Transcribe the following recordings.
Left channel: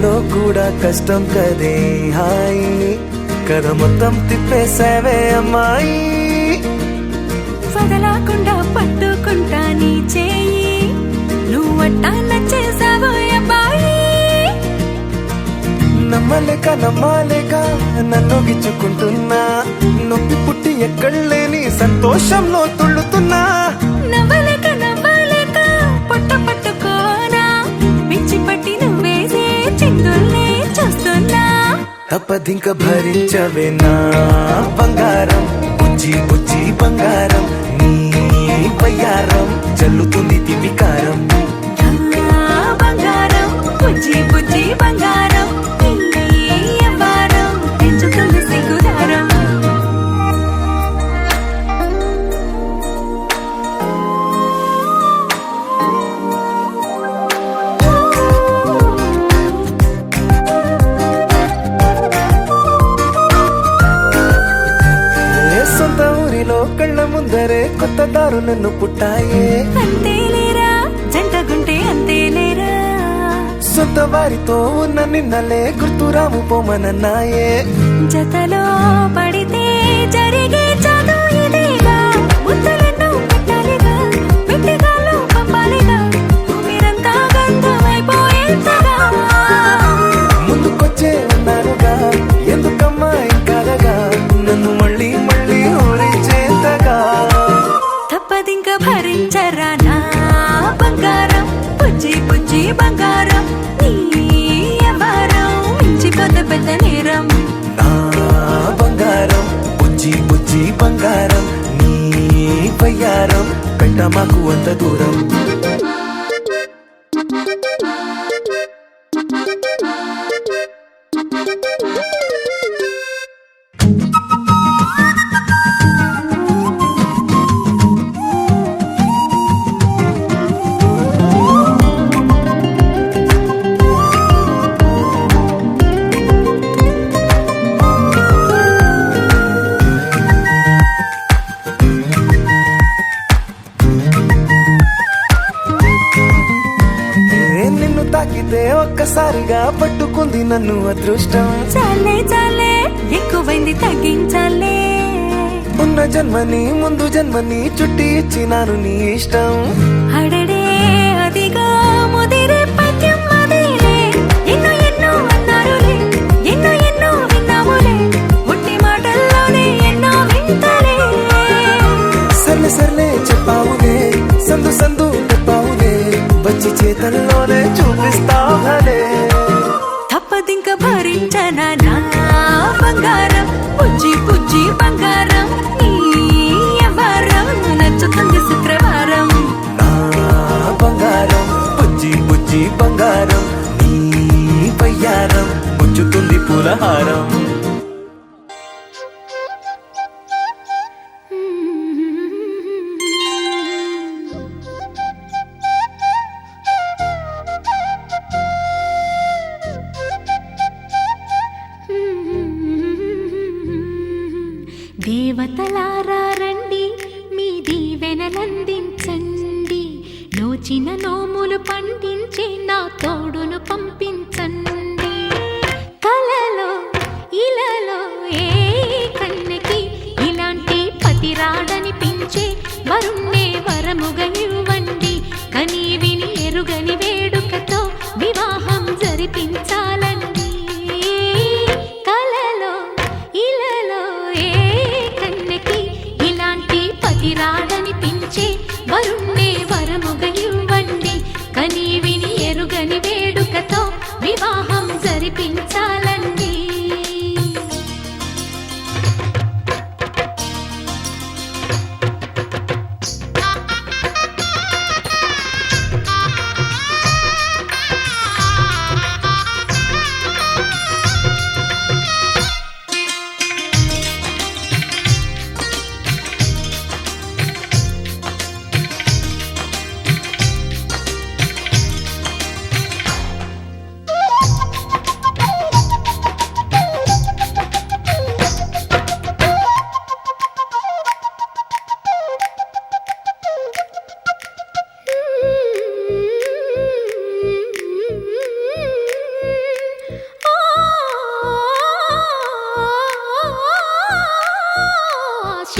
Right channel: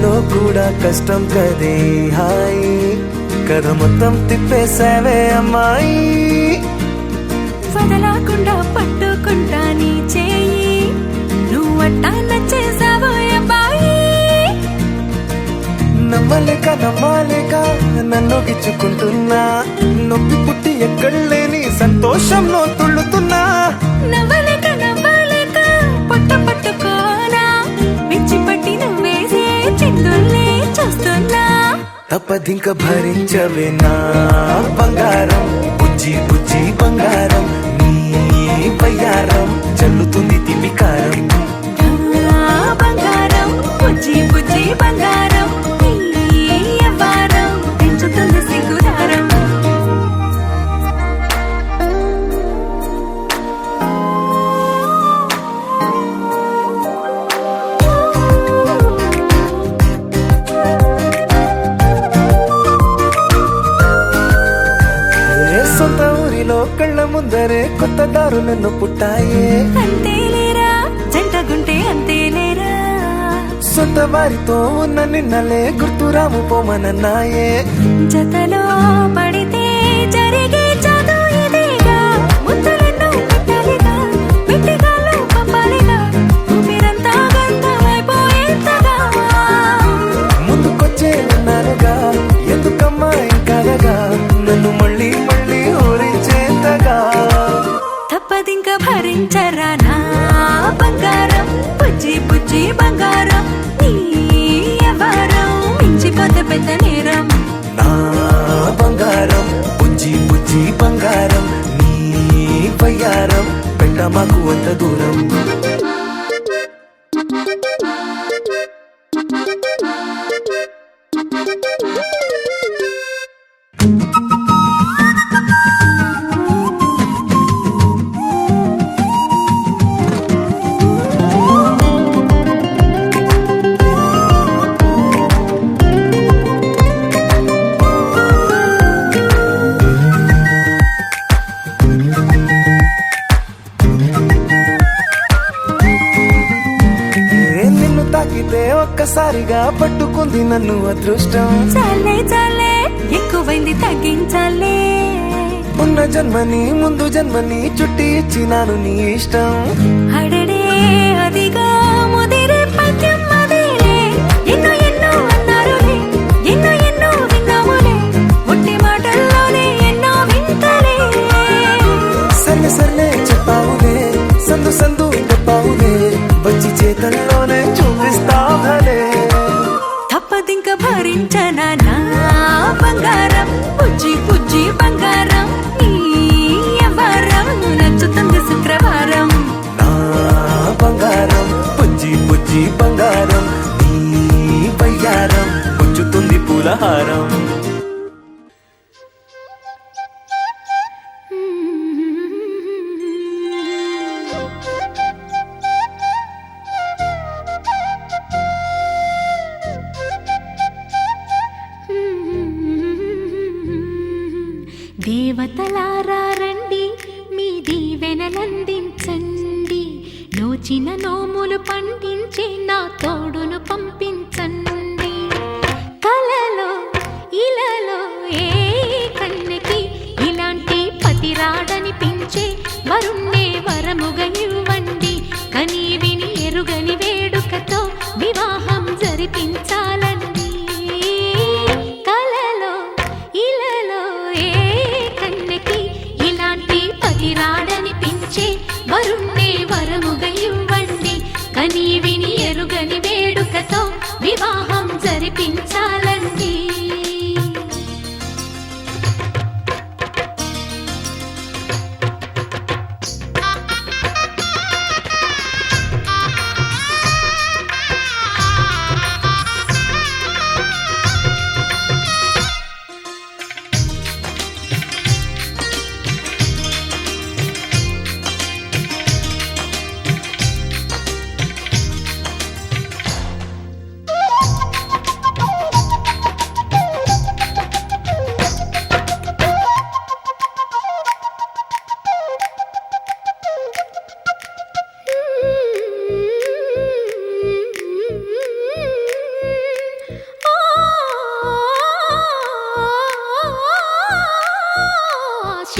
ప్రేమలో కూడా కష్టం కదే హాయి కథ మొత్తం తిప్పేసావే అమ్మాయి వదలకుండా పట్టుకుంటా నీ చేయి నువ్వట్టా నచ్చేసావో అబ్బాయి నమ్మలేక నన్ను గిచ్చుకుంటున్నా నొప్పి పుట్టి ఎక్కడలేని సంతోషంలో తుళ్ళుతున్నా నవ్వలేక పొట్ట పట్టుకోనా పిచ్చి పట్టి నువ్వేసే చిందుల్నే చూస్తున్నా తప్పదింక భరించవే నా బంగారం బుజ్జి బుజ్జి బంగారం నీ వయ్యారం చల్లుతుంది తివికారం బంగారం బుజ్జి బుజ్జి బంగారం ఎవ్వారం పెంచుతుంది సిగ్గుదారం సొంత ఊరిలో కళ్ళ ముందరే కొత్త దారులను పుట్టాయే అంతేలేరా జంటగుంటే అంతేలేరా సొంత వారితో ఉన్న నిన్నలే గుర్తురాము పోమనన్నాయే జతలో పడితే జరిగే జాదు ఇదేగా ముద్దలెన్నో పెట్టాలిగా పెట్టిగాల్లో పంపాలిగా ఊపిరంతా గంధమైపోయేంతగా ముందుకొచ్చే ఉన్నానుగా ఎందుకమ్మా ఇంకాదగా నన్ను మళ్ళీ ఊరించేంతగా తప్పదింక భరించరా నా బంగారం బుజ్జి బుజ్జి బంగారం నీ ఎవరం మించిపోతే పెద్ద నేరం నా బంగారం బుజ్జి బుజ్జి బంగారం నీ వయ్యారం పెట్ట మాకు అంత దూరం నిన్ను తాకితే ఒక్కసారిగా పట్టుకుంది నన్ను అదృష్టం చాలే ఎక్కువైంది తగ్గించాలే ఉన్న జన్మని ముందు జన్మని చుట్టి ఇచ్చినాను నీ ఇష్టం అడడే అదిగా ముదిరే పద్యం అదేలే ఎన్నో అన్నారులే ఎన్నో విన్నాములే ఒట్టి మాటల్లోనే ఎన్నో వింతలే సర్లే చెప్పావులే సందు చెప్పావులే వచ్చి చేతల్లోనే చూపిస్తావులే తప్పదింక భరించనా నా బంగారం బుజ్జి బుజ్జి బంగారం నీ ఎవరం నచ్చుతుంది శుక్రవారం నా బంగారం బుజ్జి బుజ్జి బంగారం నీ వయ్యారం పుచ్చుతుంది పూలహారం దేవతలారా రండి మీ దీవెనలందించండి నోచిన నోములు పండించే నా తోడును పంపించండి కలలో ఇలలో ఏ కన్నెకి ఇలాంటి పతిరాడనిపించే వరుణ్ణే వరముగా ఇవ్వండి కని విని ఎరుగని వేడుకతో వివాహం జరిపించాలండి కలలో ఇలలో ఏ కన్నెకి ఇలాంటి పతిరాడనిపించే వరుణ్ణే వరముగా ఇవ్వండి కని విని ఎరుగని వేడుకతో వివాహం జరిపించాలండి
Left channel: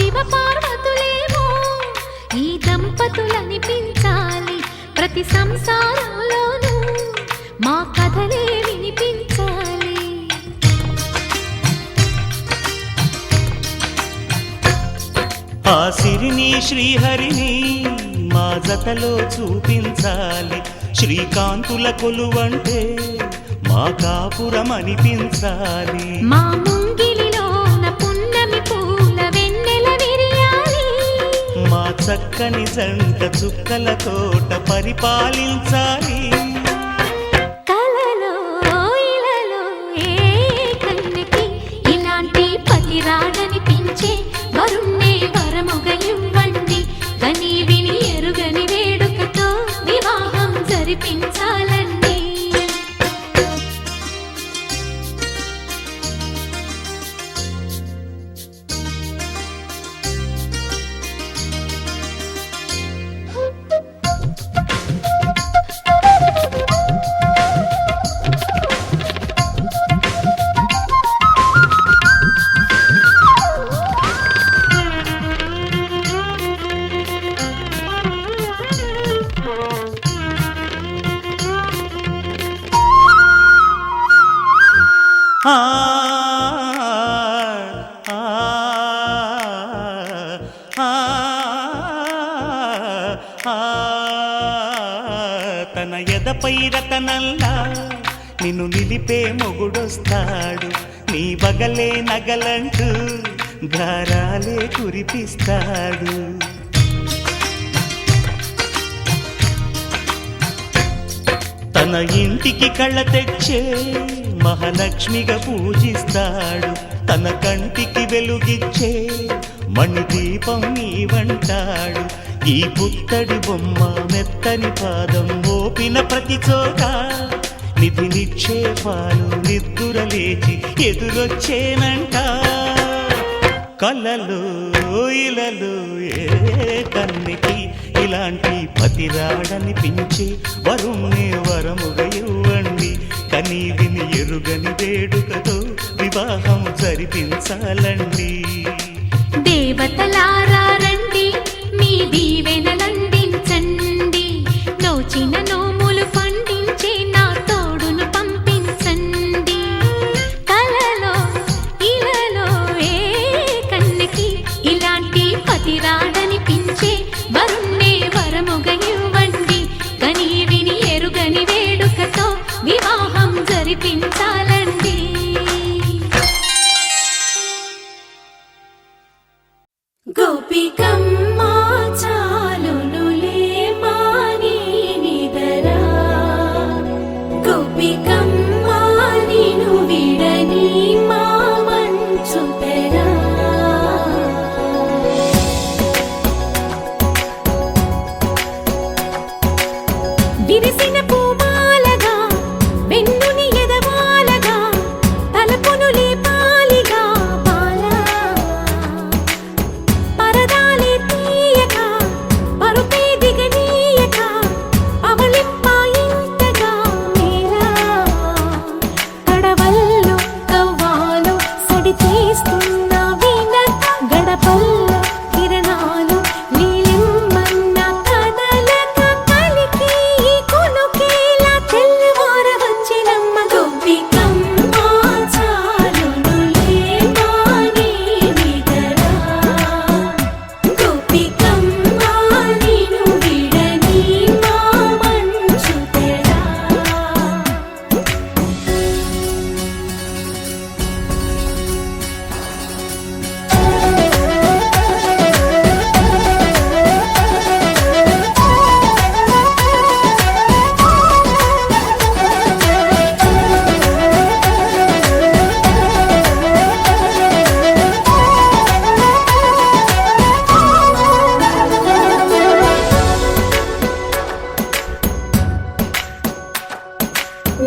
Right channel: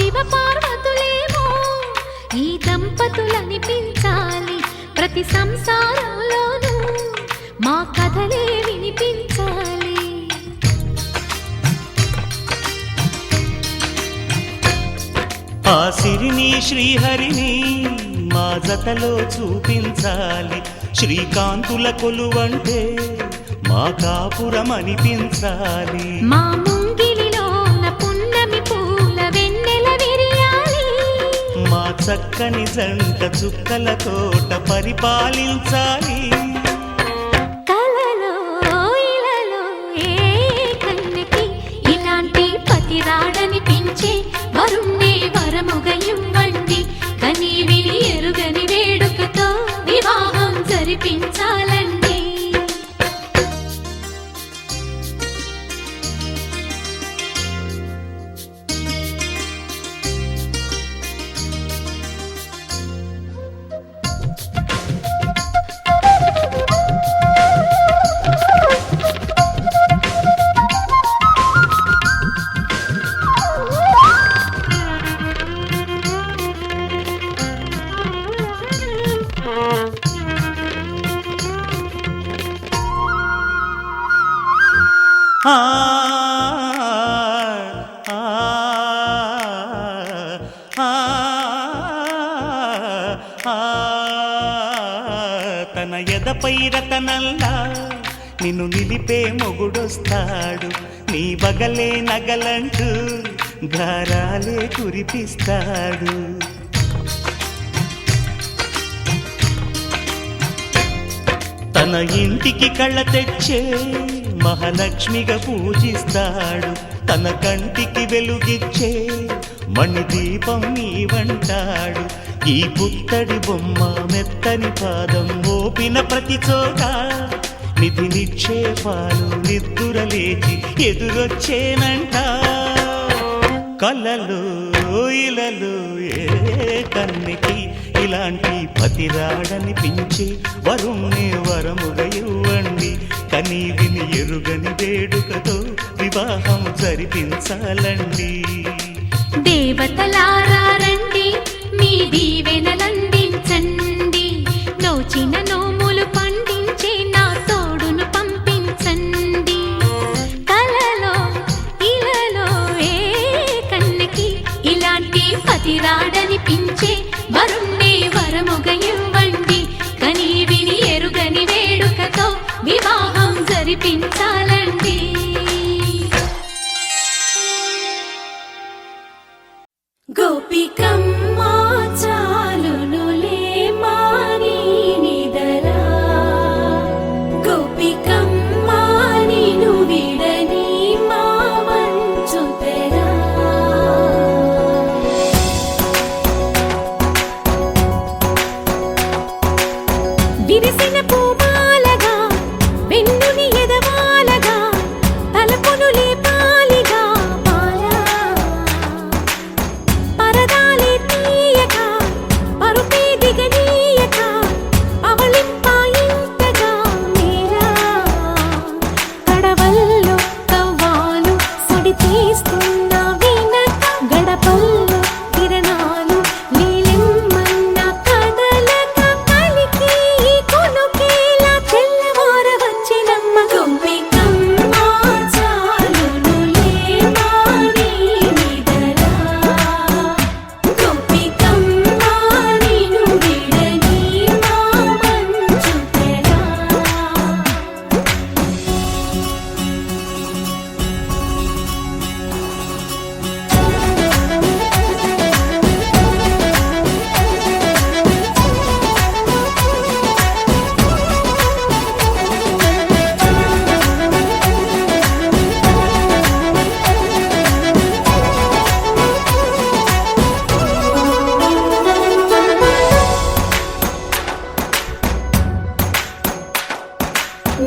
శివ పార్వతులేమో ఈ దంపతులనిపించాలి. ప్రతి సంసారంలోనూ మా కథలే వినిపించాలి. ఆ సిరిని శ్రీహరిని మా జతలో చూపించాలి. శ్రీకాంతుల కొలువంటే మా కాపురం అనిపించాలి. మా ముంగిలిలోన పున్నమి పూల వెన్నెల విరియాలి. మా చక్కని జంట చుక్కల తోట పరిపాలించాలి. కలలో ఇలలో ఏ కన్యకి ఇలాంటి పతి రాడనిపించే వరుణ్ణే వరముగా ఇవ్వండి. కని విని ఎరుగని వేడుకతో వివాహం జరిపించాలండి. ఆ ఆ ఆ తన ఎదపై రతనల్లా నిన్ను నిలిపే మొగుడొస్తాడు. నీ బగలే నగలంటూ గారాలే కురిపిస్తాడు. తన ఇంటికి కళ్ళ తెచ్చే మహాలక్ష్మిగా పూజిస్తాడు. తన కంటికి వెలుగిచ్చే మణిదీపం నీవంటాడు. ఈ పుత్తడి బొమ్మ మెత్తని పాదం మోపిన ప్రతి చోట నిధి నిక్షేపాలు నిద్దురలేచి ఎదురొచ్చేనంట. కలలో ఇలలో ఏ కన్నికి ఇలాంటి పతిరాడనిపించి వరుణ్ణే వరముగా ఇవ్వండి. కని విని ఎరుగని వేడుకతో వివాహం జరిపించాలండి. దేవతలారా రండి, మీ దీవెనలందించండి. నోచిన నోములు పండించే నా తోడును పంపించండి. కలలో ఇలలో ఏ కన్యకి ఇలాంటి పతిరాడనిపించే వరుణ్ణే వరముగా ఇవ్వండి. కని విని ఎరుగని వేడుకతో వివాహం జరిపించాలండి. గోపికమ్మ చాలునులే మాని నిదరా. గోపికమ్మ నిను విడని మా మంచు తెరా. విరిసిన పూమాలగా వెన్నుని ఎదవాలగా తలపును లేపాలిగా బాలా. పరదాలే తీయక పరుపే దిగనీయక అవళింపాయింతగా మేరా. కడవల్లో కవ్వాలు సడి చేస్తున్న వీణత గడపల్లో కిరణాలు నీలిమ్మన్న కదలక కలికి ఈ కొనుకేలా తెల్లవార వచ్చినమ్మ. గోపికమ్మ చాలునులే మాని నిదరా. గోపికమ్మ నిను విడని మా మంచు తెరా.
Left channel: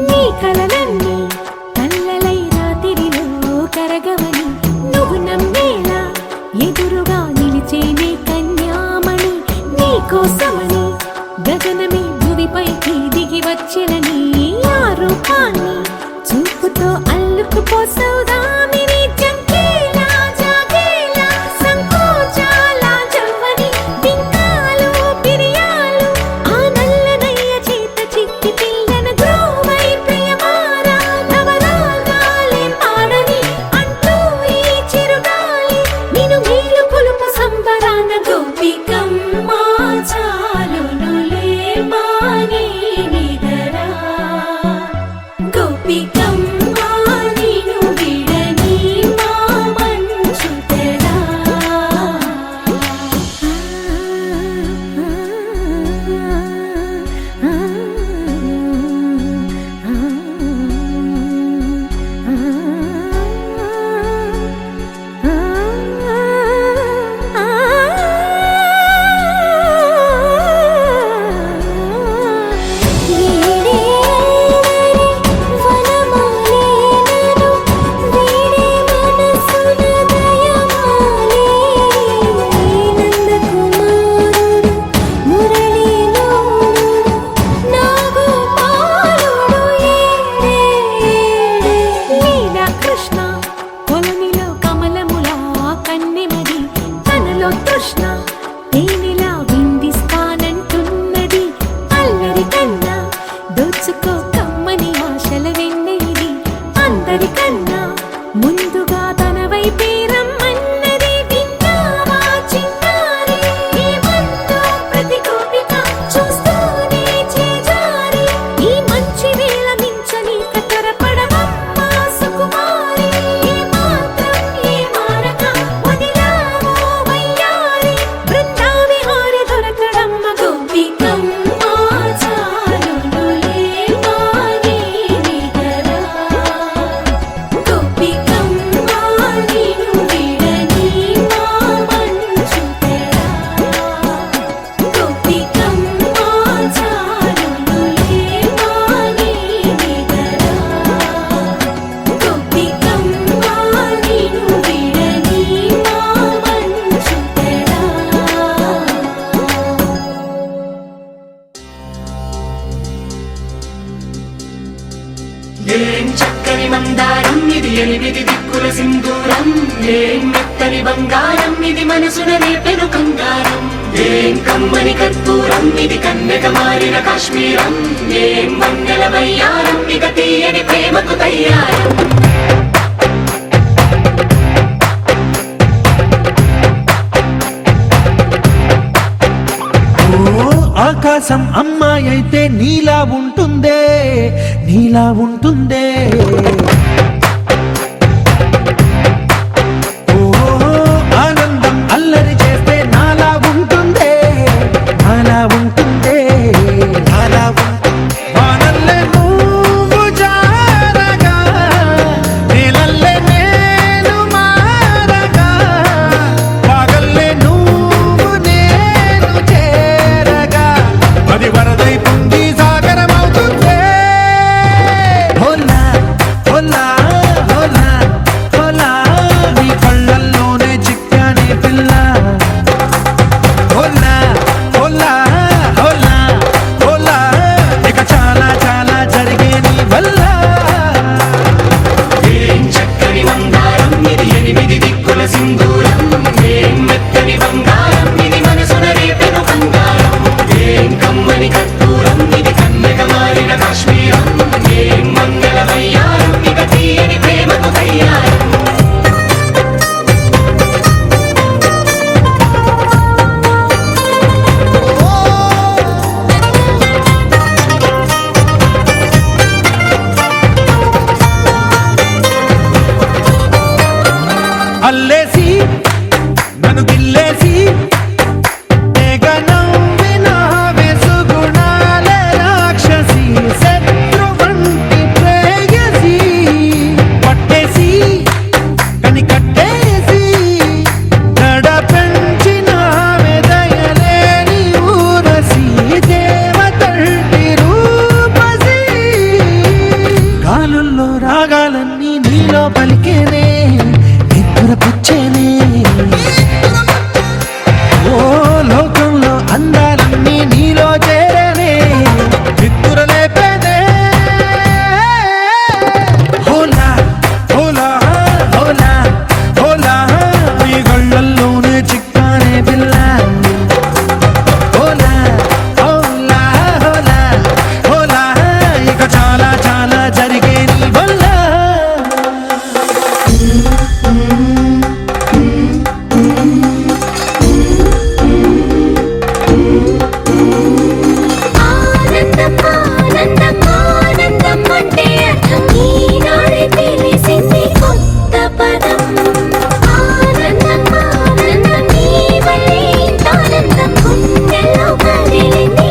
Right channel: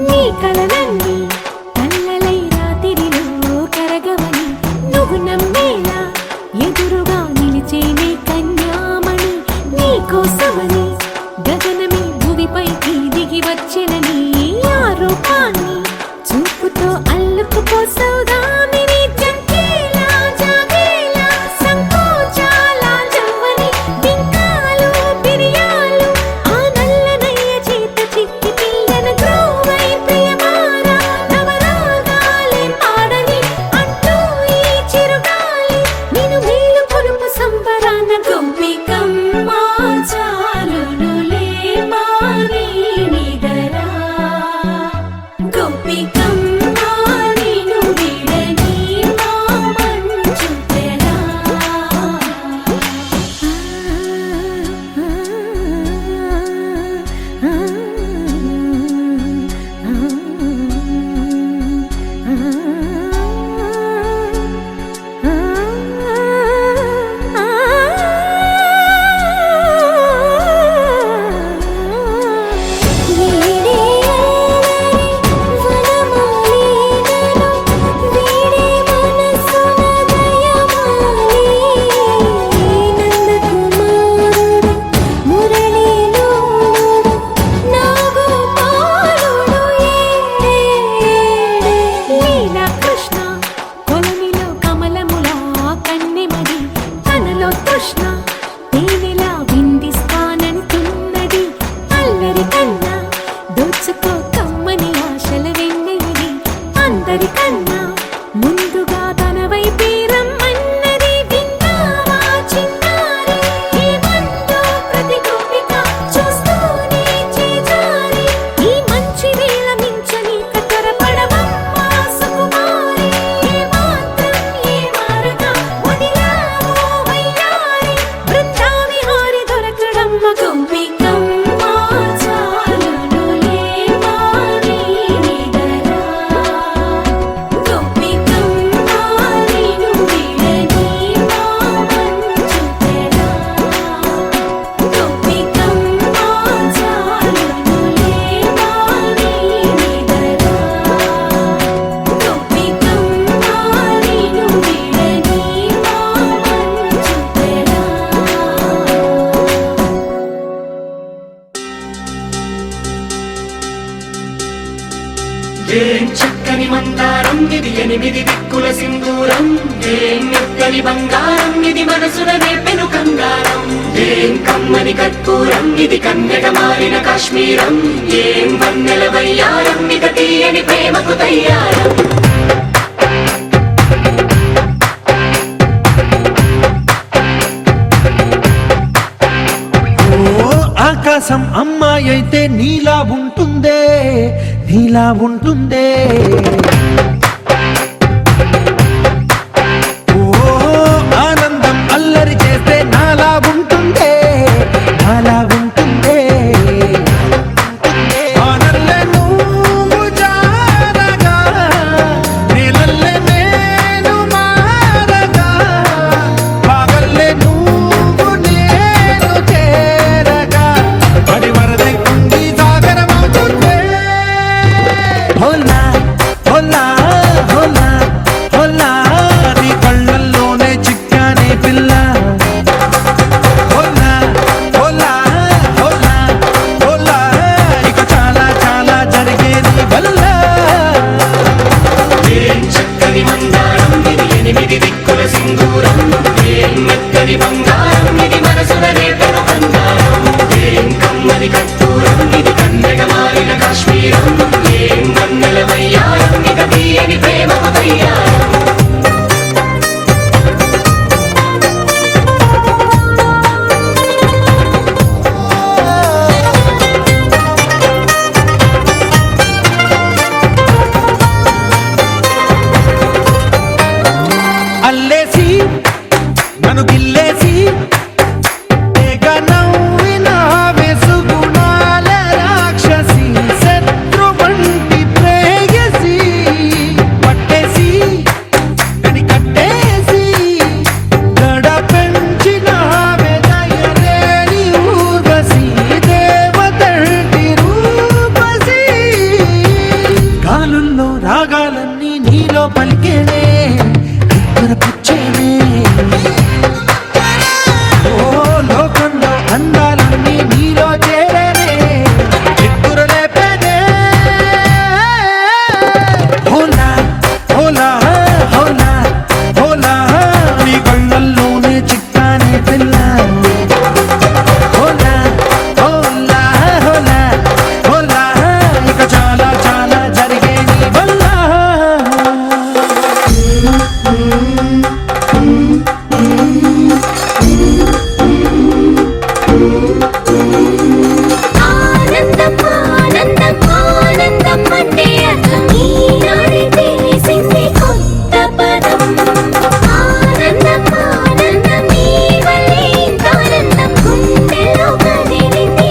నీ కలలన్నీ కల్లలై రాత్రిలో కరగవని నువ్వు నమ్మేలా ఎదురుగా నిలిచేనే కన్యామణి. నీకోసమని గగనమే భువిపైకి దిగి వచ్చెనని ఆ రూపాన్ని చూపుతో అల్లుకుపోసౌదామిని. జంకేలా జాగేలా సంకోచ తృష్ణ తేనెలా విందిస్తానంటున్నది అల్లరి కన్నా దోచుకో కమ్మని ఆశల వెన్నెయిది అందరికన్నా ముందుగా తన వైపే రమ్మన్నది విన్నావా చిన్నారి ఏమందో ప్రతి గోపిక చూస్తూనే చేజారి ఈ మంచి వేళ మించని కతరపడవమ్మా సుకుమారి ఏ మాత్రం ఏ మారక వదిలావో వయ్యారి బృందావిహారి దొరకడమ్మ గోపికమ్మ చాలునులే మాని నిదరా గోపికమ్మ నిను విడని మా మంచు తెరా గోపికమ్మ చాలునులే మాని నిదరా గోపికమ్మ నిను విడని మా మంచు తెరా ఏం చక్కని మందారం ఇది ఎనిమిది దిక్కుల సింధూరం ఏం మెత్తని బంగారం ఇది మనసున నేపెను కంగారం ఏం కమ్మని కర్పూరం ఇది కన్యక మారిన కాశ్మీరం ఏం వన్నెల వయ్యారం ఇక తీయని ప్రేమకు తయ్యారం ఓ ఆకాశం అమ్మాయి అయితే నీలా ఉంటుందే నీలా ఉంటుందే ఓ ఆనందం అల్లరి చేస్తే నాలా ఉంటుందే నాలా ఉంటుందే వానల్లే నువ్వు జారగా నీలల్లే నేను మారగా పగల్లే నువ్వు నేను చేరగా పడి వరదై పొంగి సాగరమవుతుందే హోలా హోలా హోలా హోలా నీ కళ్ళల్లోనే చిక్కానే పిల్ల హోలా హోలా హోలా హోలా ఇక చాలా చాలా జరిగే నీ వల్ల ఏం చక్కని మందారం ఇది ఎనిమిది దిక్కుల సింధూరం ఏం మెత్తని బంగారం ఇది మనసున నేపెను కంగారం ఏం కమ్మని కర్పూరం ఇది కన్యక మారిన కాశ్మీరం ఏం వన్నెల వయ్యారం ఇక తీయని ప్రేమకు తయ్యారం అల్లేసి నన్ను గిల్లేసి తెగ నవ్విన వెసుగుణాల రాక్షసి శత్రు వంటి ప్రేయసి పట్టేసి కని కట్టేసి గడ పెంచిన దయలేని ఊరసి దేవతంటి రూపసి గాలుల్లో రాగాలన్నీ నీలో పలికేనే నిద్రపుచ్చేనే ఓ లోకంలో అందాలన్నీ నీలో చేరనే నిద్రలేపేనే హోలా హోలా హోలా హోలా నీ గళ్ళల్లోనే చిక్కానే పిల్ల హోలా హోలా హోలా హోలా ఇక చాలా చాలా జరిగే నీ వల్ల ఆనందం ఆనందం ఆనందం అంటే అర్థం ఈనాడే తెలిసింది కొత్త పదం ఆనందం ఆనందం నీ వల్లే ఇంత ఆనందం గుండెలో కదిలింది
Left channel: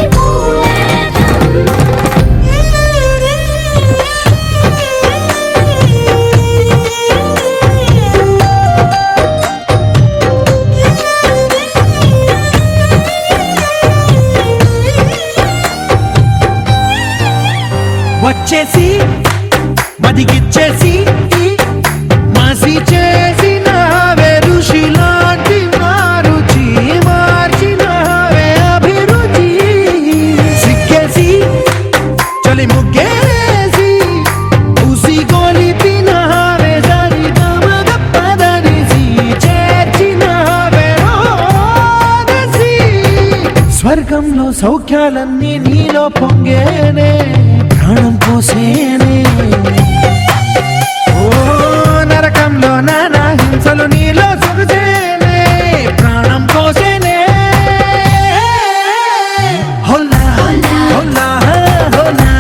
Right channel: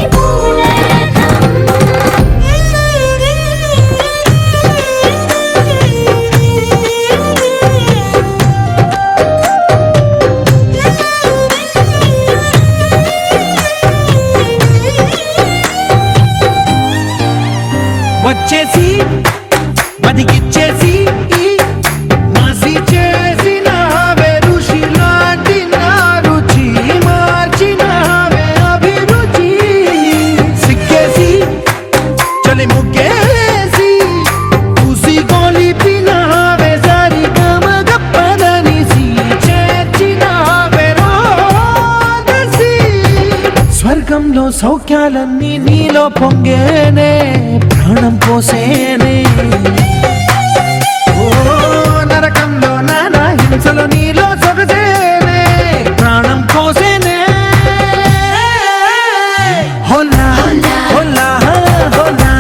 వచ్చేసి మదిగిచ్చేసి మాసి చేసిన ఋషిలాంటి నా రుచి మార్చినవే అభిరుచి సిక్కేసి చలి ముగ్గేసి ఉసి గోలిపినవే సరి గమ గప్పదనిసి చేర్చినవే స్వర్గంలో సౌఖ్యాలన్నీ నీలో పొంగేనే ప్రాణం పోసేనే ఓ నరకంలో నానా హింసలు నీలో సొగసేనే ప్రాణం పోసేనే హోలా హోలా హోలా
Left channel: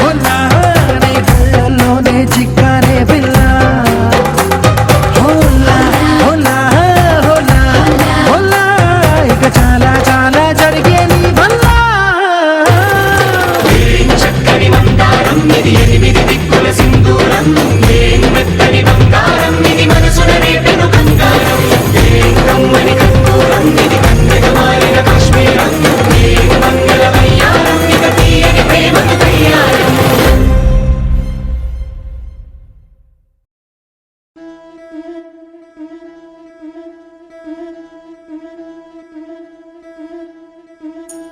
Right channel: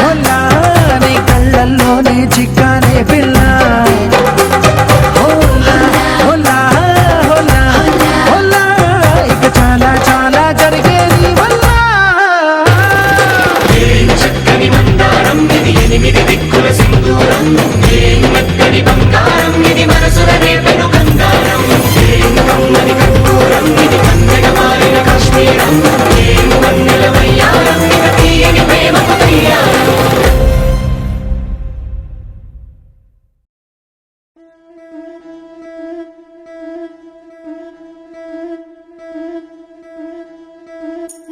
హోలా నీ కళ్ళల్లోనే చిక్కారే పిల్ల హోలా హోలా హోలా హోలా ఇక చాలా చాలా జరిగేది వల్ల చక్కని మందారం ఇది 8 దిక్కుల సింధూరం ఏం మెత్తని బంగారం ఇది మనసున రేపెను బంగారం ఏం కమ్మని కర్పూరం ఇది కన్నెగ మారిన కాశ్మీరం ఏం మంగళ వయ్యారం ఇక తీయని ప్రేమకు తయ్యారం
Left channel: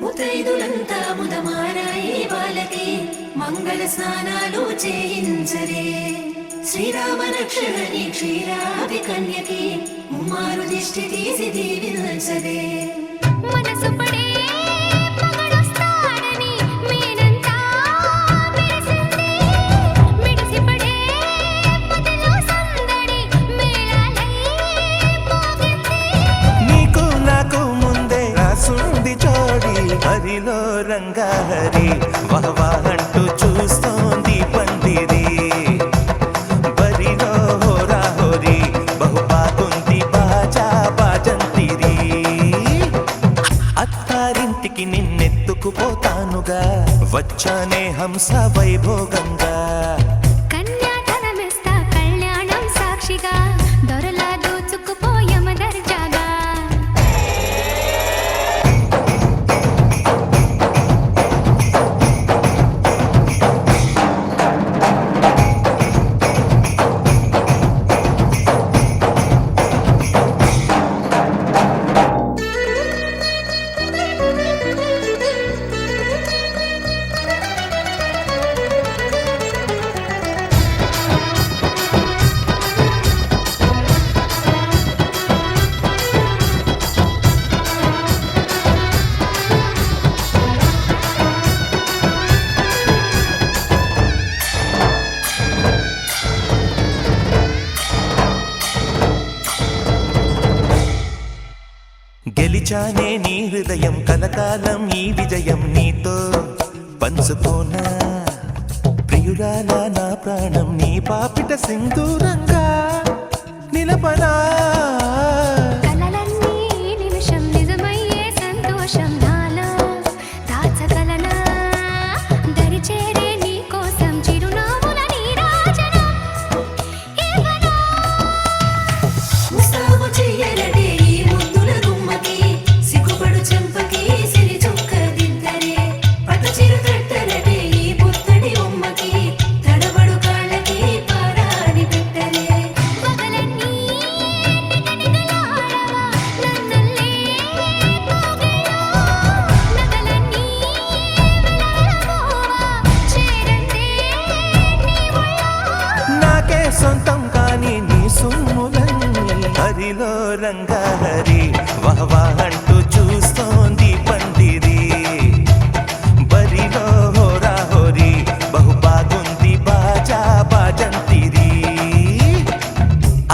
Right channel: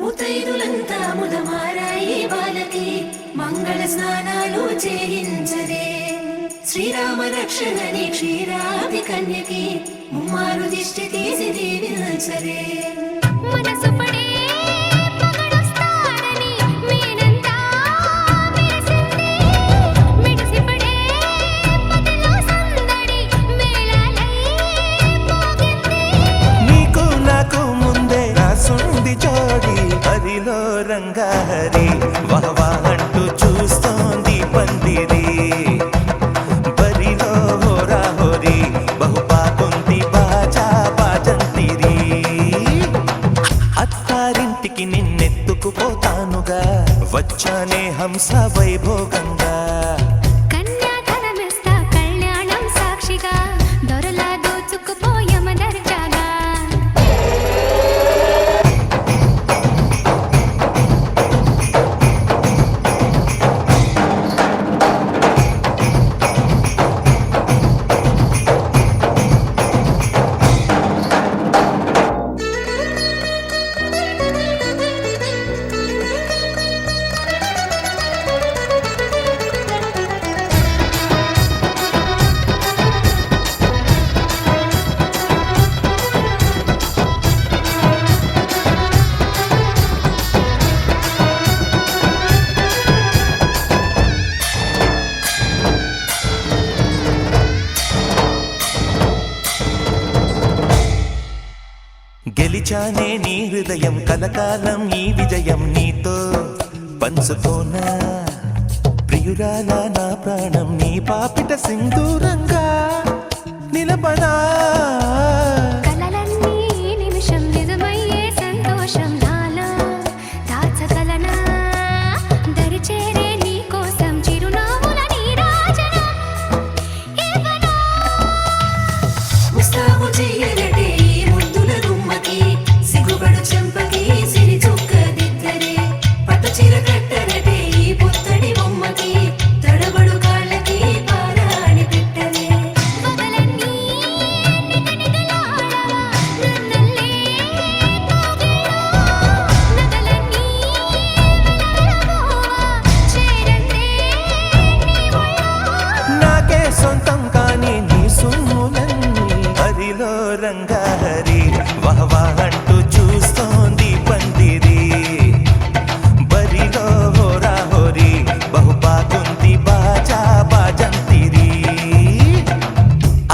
ముతైదులంతా ముదమారాయి బాలకి మంగళ స్నానాలు చేయించరే శ్రీరామ రక్షణని క్షీరాది కన్యకి ముమ్మారు దిష్టి తీసి దీవించరే మనసు పడే మగడొస్తాడని మేనంతా మెరిసింది మిడిసిపడే మదిలో సందడి మేళాలై మోగింది నీకు నాకు ముందే రాసుంది జోడి హరిలో రంగాహరి వహవా అంటూ చూస్తోంది పందిరి బరిలో హోరా హోరి బహుబాగుంది బాజా బాజంతిరి అత్తారింటికి నిన్నెత్తుకుపోతానుగా వచ్చానే హంస వైభోగంగా కన్యాధనమిస్తా కళ్యాణం సాక్షిగా దొరలా దోచుకుపోయమ దర్జాగా గెలిచానే నీ హృదయం కలకాలం ఈ విజయం నీతో పంచుకోనా ప్రియురాల నా ప్రాణం నీ పాపిట సింధూరంగా నిలపనా కలలన్నీ నిమిషం నిజమయ్యే సంతోషం నాలో దాచగలనా దరిచేరే నీ కోసం చిరునవ్వుల నీరాజనం ఇవ్వనా ముస్తాబు చెయ్యరటే ఈ ముద్దుల గుమ్మకి సిగ్గుపడు చెంపకి సిరి చుక్క దిద్దరే పట్టు చీర కట్టరటే ఈ పుత్తడి బొమ్మకి తడబడు కాళ్ళకి పారాడి పెట్టరే పగలన్నీ నిగనిగలాడవా నన్నల్లే పోగేయో నగలన్నీ వెలవెలబోవా చేరందే నీ ఒళ్ళో నాకే సొంతం కాని నీ సొమ్ములన్నీ హరిలో రంగాహరి వహవా అంటూ చూస్తోంది పందిరి బరిలో హోరా హోరి బహుబాగుంది బాజా బాజంతిరి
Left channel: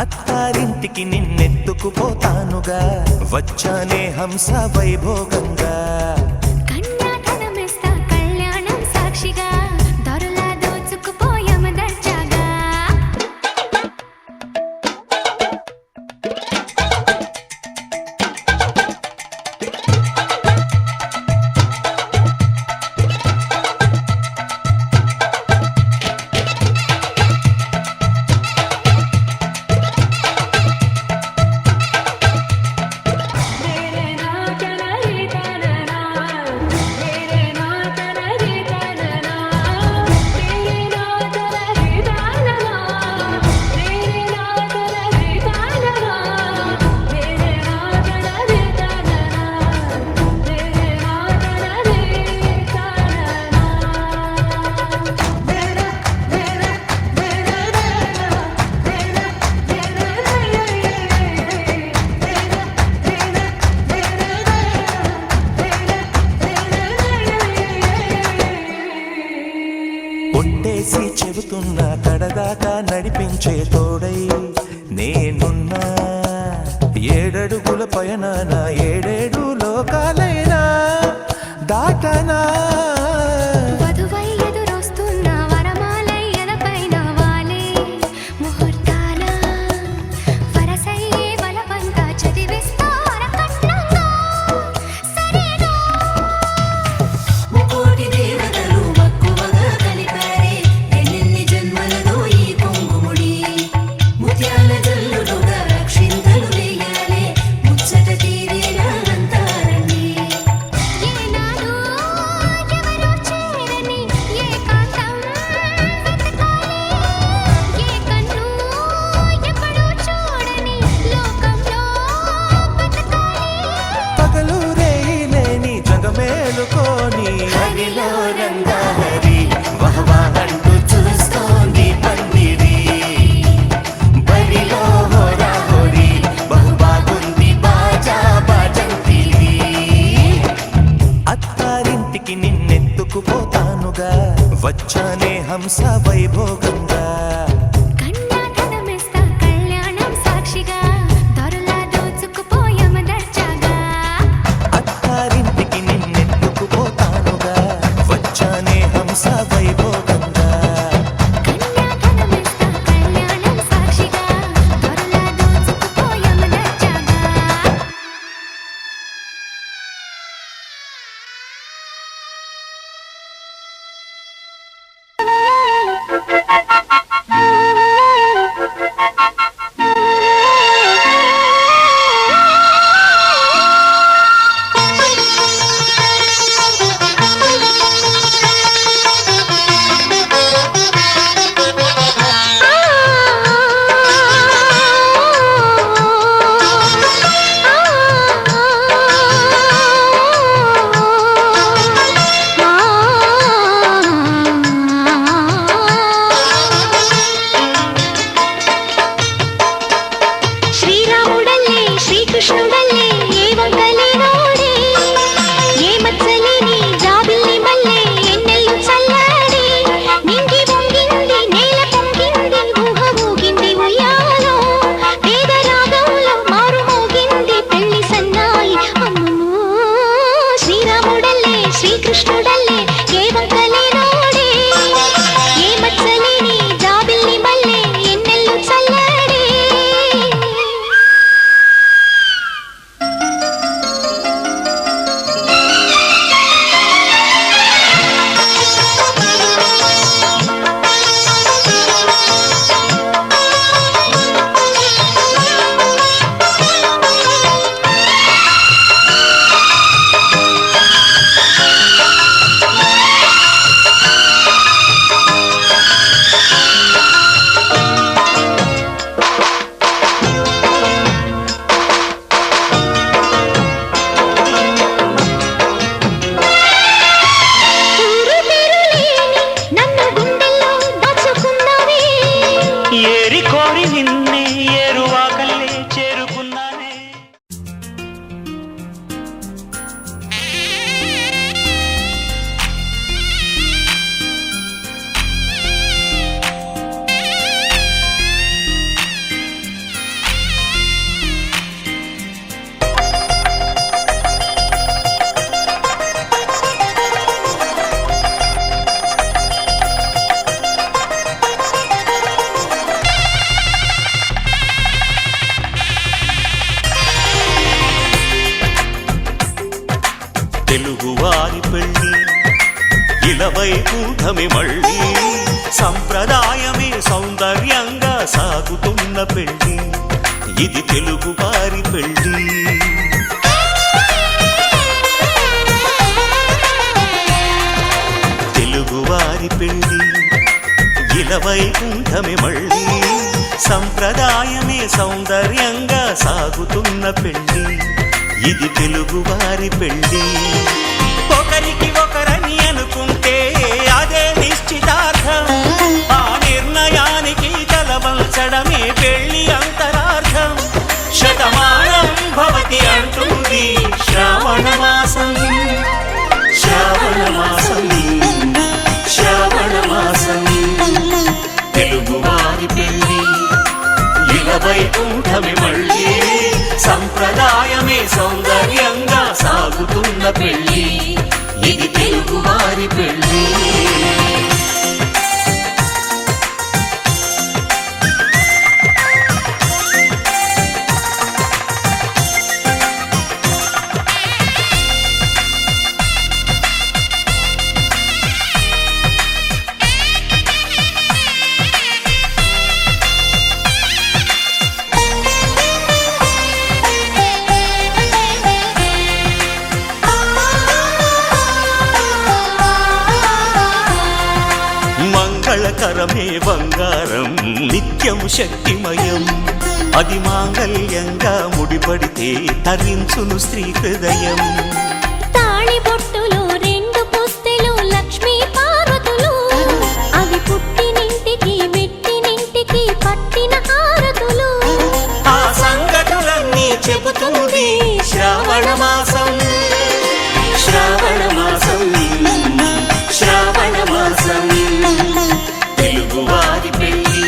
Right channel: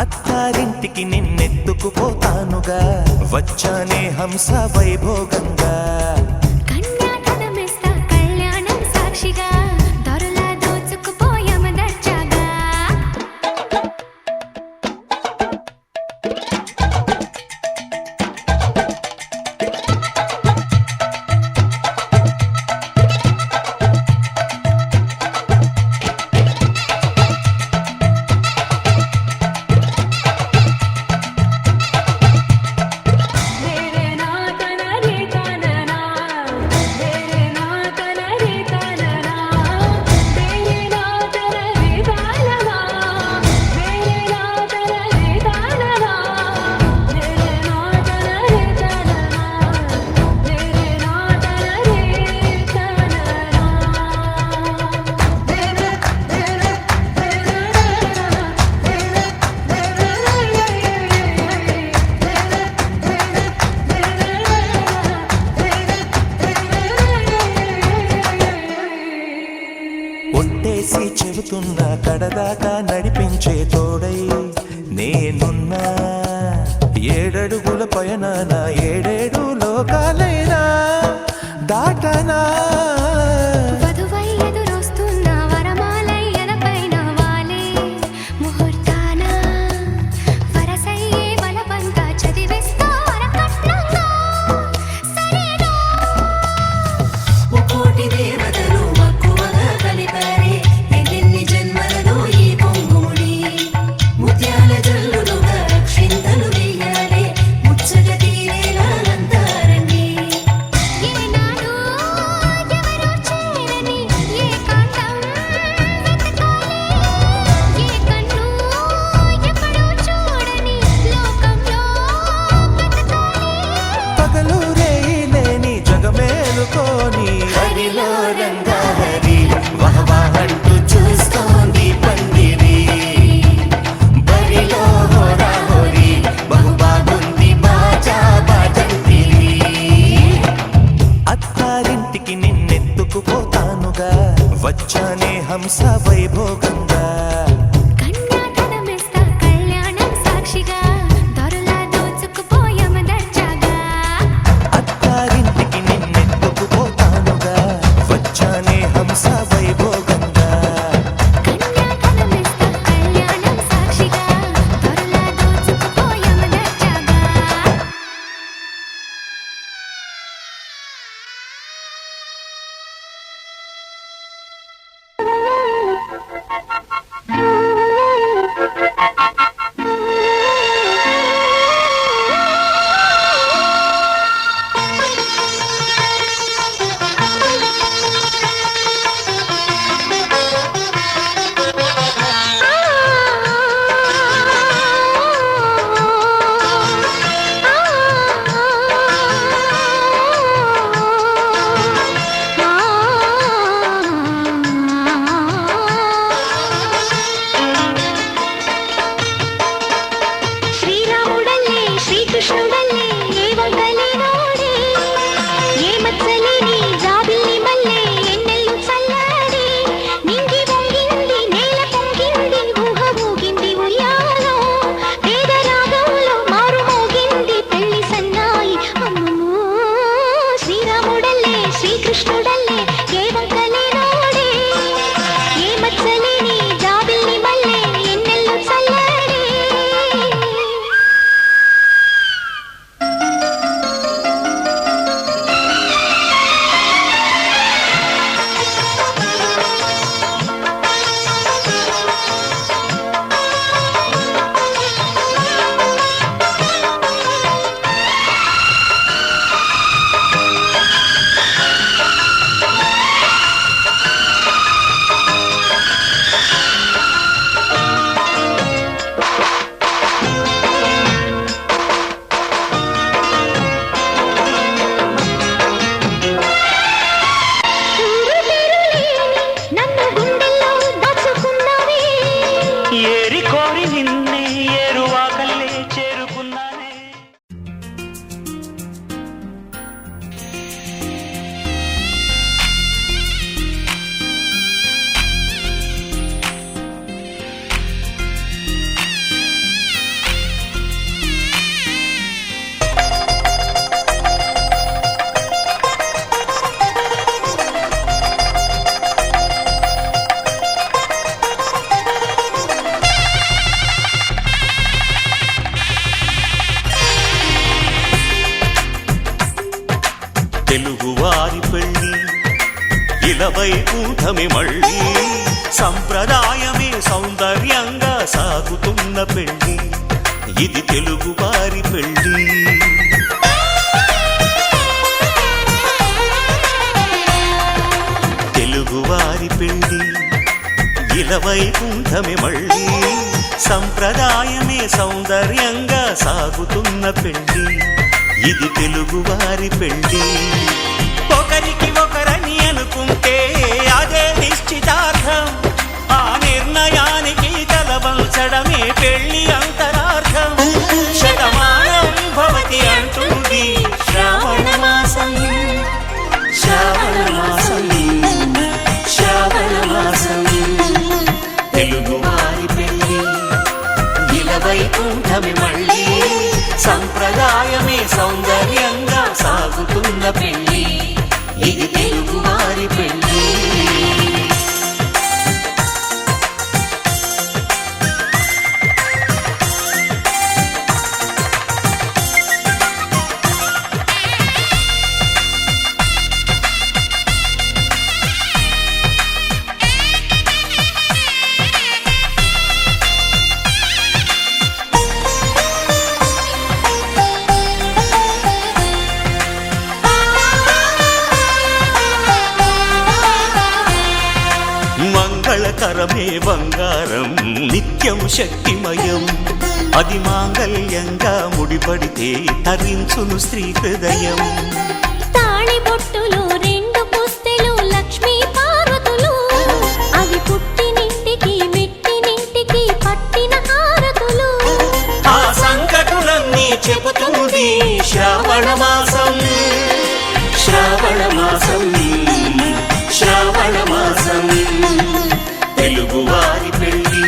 అత్తారింటికి నిన్నెత్తుకుపోతానుగా వచ్చానే హంస వైభోగంగా కన్యాధనమిస్తా కళ్యాణం సాక్షిగా దొరలా దోచుకుపోయమ దర్జాగా వేసి చెబుతున్నా కడదాకా నడిపించే తోడై నేనున్నా. 7 అడుగుల పయనాన 7 లోకాలైనా దాటనా. వధువై ఎదురొస్తున్న వరమాలయ్యల పైన వాలే ముహూర్తాన వరసయ్యే వలపంతా చదివిస్తా వరకట్నంగా సరేనా. ముకోటి దేవతలు మక్కువగా కలిపారే ఎన్నెన్ని జన్మలలో ఈ పొంగుముడి. ముత్యాల జల్లులుగా రక్షింతలు వేయాలి ముచ్చట తీరేలా అంతారండి. ఏనాడు ఎవరో చేరని ఏకాంతం వెతకాలి. ఏ కన్ను ఎప్పుడూ చూడని లోకంలో బతకాలి. పగలు రేయి లేని జగమేలుకోని హరిలో రంగా హరి వహవాహంటూ చూస్తోంది పందిరి. బరిలో హోరా హోరీ బహు బాగుంది బాజా బాజంతిరి. అత్తారింటికి నిన్నెత్తుకుపోతానుగా వచ్చానే హంస వైభోగంగా. కన్యాధనమిస్తా కళ్యాణం సాక్షిగా దొరలా దోచుకుపోయామ దర్జాగా. అత్తారింటికి నిన్నెత్తుకుపోతానుగా వచ్చానే హంస వైభోగంగా. కన్యాధనమిస్తా కళ్యాణం సాక్షిగా దొరలా దోచుకుపోయామ దర్జాగా. శ్రీరాముడల్లే శ్రీకృష్ణుడల్లే ఏ వంకలేనోడే ఏ మచ్చలేని జాబిల్లి మల్లె ఎన్నెల్లు చల్లాడి. నింగి వంగింది నేల పొంగింది ఊహ ఊగింది ఉయ్యాలో వేద రాగంలో మారు మోగింది పెళ్లి సన్నాయి. అమ్మో శ్రీరాముడల్లే శ్రీకృష్ణుడల్లే ఏ వంకలేనోడే ఏ మచ్చలేని జాబిల్లి మల్లె ఎన్నెల్లు చల్లాడి. ఊరు పేరు లేని నన్ను గుండెల్లో దాచుకున్నావే. ఏరి కోరి నిన్నే ఏరువాకల్లే చేరుకున్నానే. తెలుగువారి పెళ్ళి ఇలవైకుంఠమి మళ్ళీ సంప్రదాయమే సౌందర్యంగా సాగుతున్న పెళ్ళి ఇది తెలుగువారి పెళ్ళి. తెలుగువారి పెళ్ళి ఇలవైకుంఠమి మళ్ళీ సంప్రదాయమే సౌందర్యంగా సాగుతున్న పెళ్ళి ఇది తెలుగువారి పెళ్ళి. ఒకరికి ఒకరని అనుకుంటే అదే నిశ్చితార్థం. ఆ నిర్ణయానికి తలవంచడమే పెళ్లి అంతరార్థం. శతమానం భవతి అంటుంది శ్రావణ మాసం. శ్రావణ మాసం శ్రావణ మాసం వైకుంఠమి మళ్ళీ సంప్రదాయమే సౌందర్యంగా సాగుతున్న పెళ్లి ఇది తెలుగువారి పెళ్లి. మంగళకరమే బంగారం నిత్యం శక్తిమయం అది మాంగళ్యంగా ముడిపడితే తరించును స్త్రీ హృదయం. తాళి బొట్టులు రెండు పుస్తెలు లక్ష్మీ పార్వతులు అవి పుట్టినింటికి మెట్టినింటికి పట్టిన హారతులు. ఆ సంగతులన్నీ చెబుతుంది శ్రావణ మాసం శ్రావణ మాసం శ్రావణ మాసం తెలుగువారి పెళ్లి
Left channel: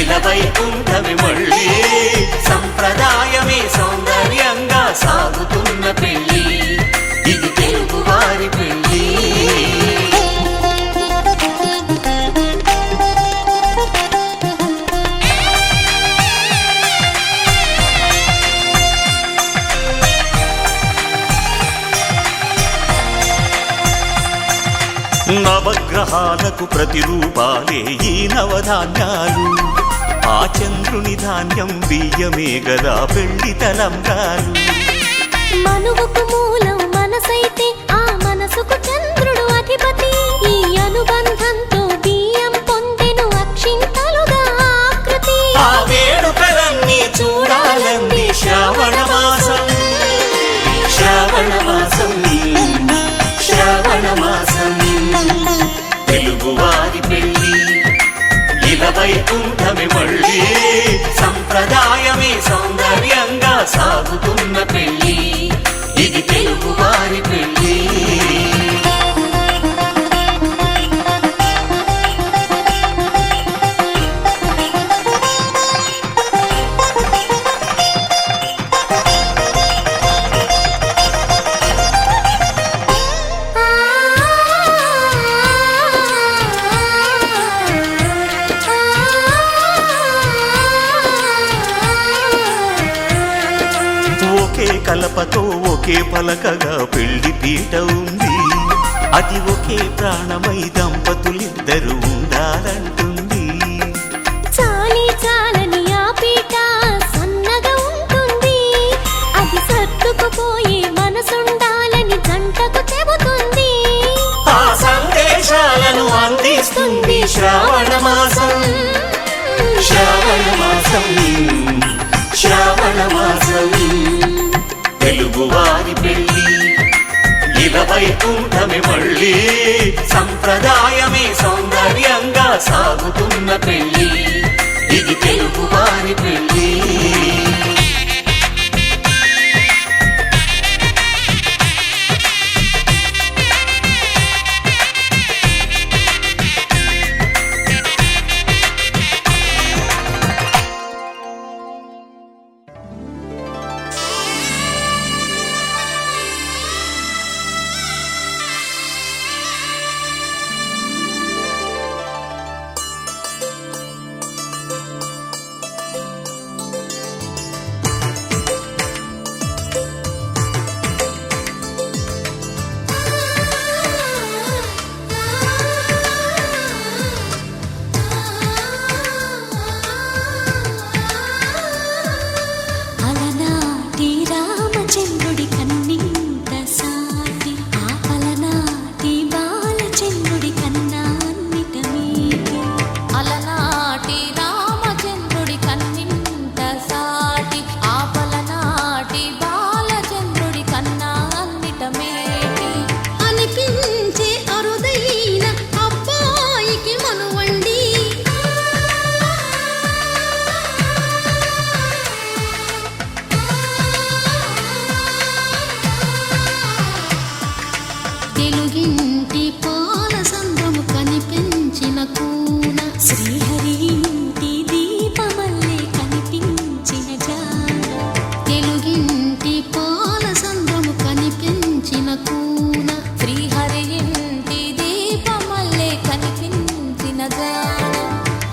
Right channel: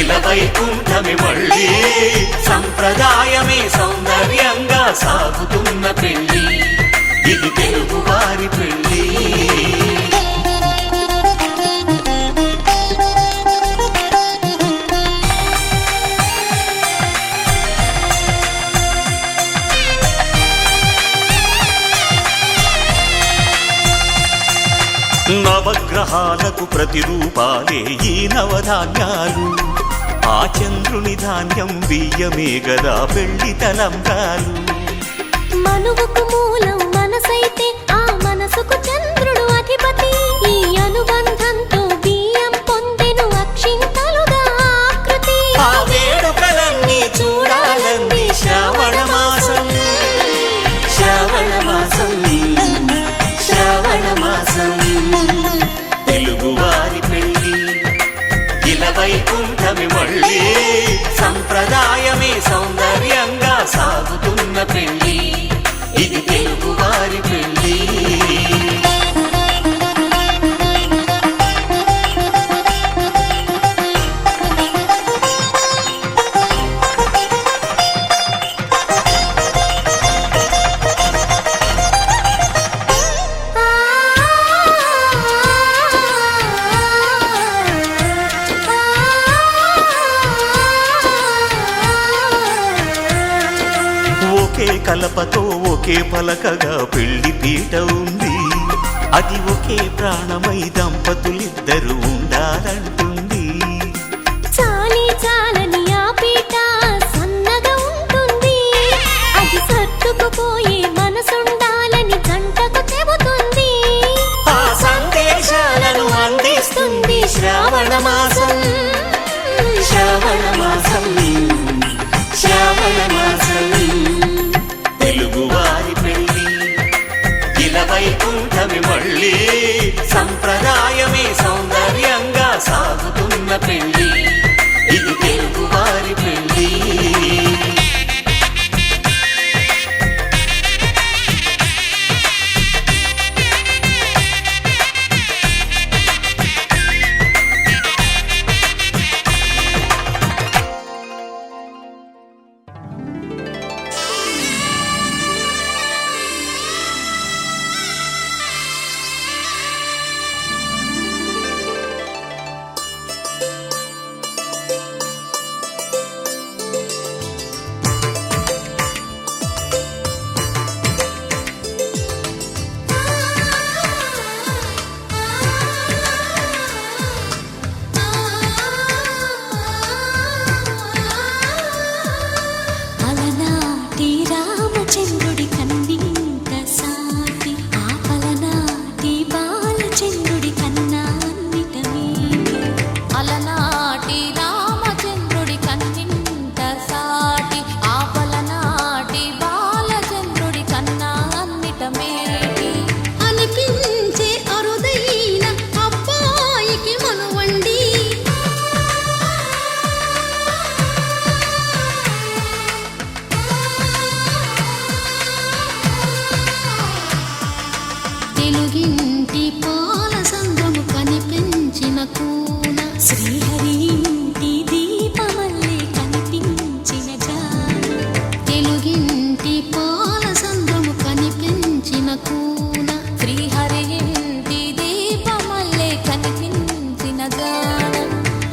ఇలా వైకుంఠమి మళ్ళీ సంప్రదాయమే సౌందర్యంగా సాగుతున్న పెళ్లి ఇది తెలుగువారి పెళ్లి. నవగ్రహాలకు ప్రతిరూపాలే ఈ నవధాన్యాలు ఆ చంద్రుని ధాన్యం బియ్యమే గదా పెళ్లి తలంబ్రాలు. మనువుకు మూలం మనసైతే ఆ మనసుకు చంద్రుడు అధిపతి ఈ అనుబంధంతో బియ్యం పొందెను అక్షింతలుగా ఆకృతి. ఆ వేడుకలన్నీ చూడాలంది శ్రావణ మాసం శ్రావణ మాసం శ్రావణ మాసం తెలుగువారి పెళ్లి ఇలా వైకుంఠమి మళ్ళీ సంప్రదాయమే సౌందర్యంగా సాగుతున్న పెళ్లి ఇది తెలుగువారి పెళ్లి. ఒకే కలపతో ఒకే పలకగా పెళ్లి పీట ఉంది అది ఒకే ప్రాణమై దంపతులిద్దరు ఉండాలంటుంది. చాలి చాలని ఆ పీట సన్నగా ఉంటుంది అది సర్దుకుపోయే మనసుండాలని జంటకు చెబుతుంది. ఆ సందేశాలను అందిస్తుంది శ్రావణ మాసం శ్రావణ మాసం శ్రావణ మాసం తెలుగువారి పెళ్లి ఇలా వైకుంఠమి మళ్ళీ సంప్రదాయమే సౌందర్యంగా సాగుతున్న పెళ్లి ఇది తెలుగువారి పెళ్లి. అలనాటి రామచంద్రుడి కన్నింత సాటి ఆపలనాటి బాలచంద్రుడి కన్నా అన్నిట మీటి. అలనాటి రామచంద్రుడి కన్నింత సాటి ఆపలనాటి బాలచంద్రుడి కన్నా అన్నిట మేటి. అనిపించే అరుదైన అబ్బాయికి మనువండి తెలుగింటి పాల సంద్రము కనిపించిన కూన శ్రీహరి ఇంటి దీపమల్లే కనిపించిన పూసిన కూన శ్రీహరి ఇంటి దీపమల్లే కనిపించిన జాన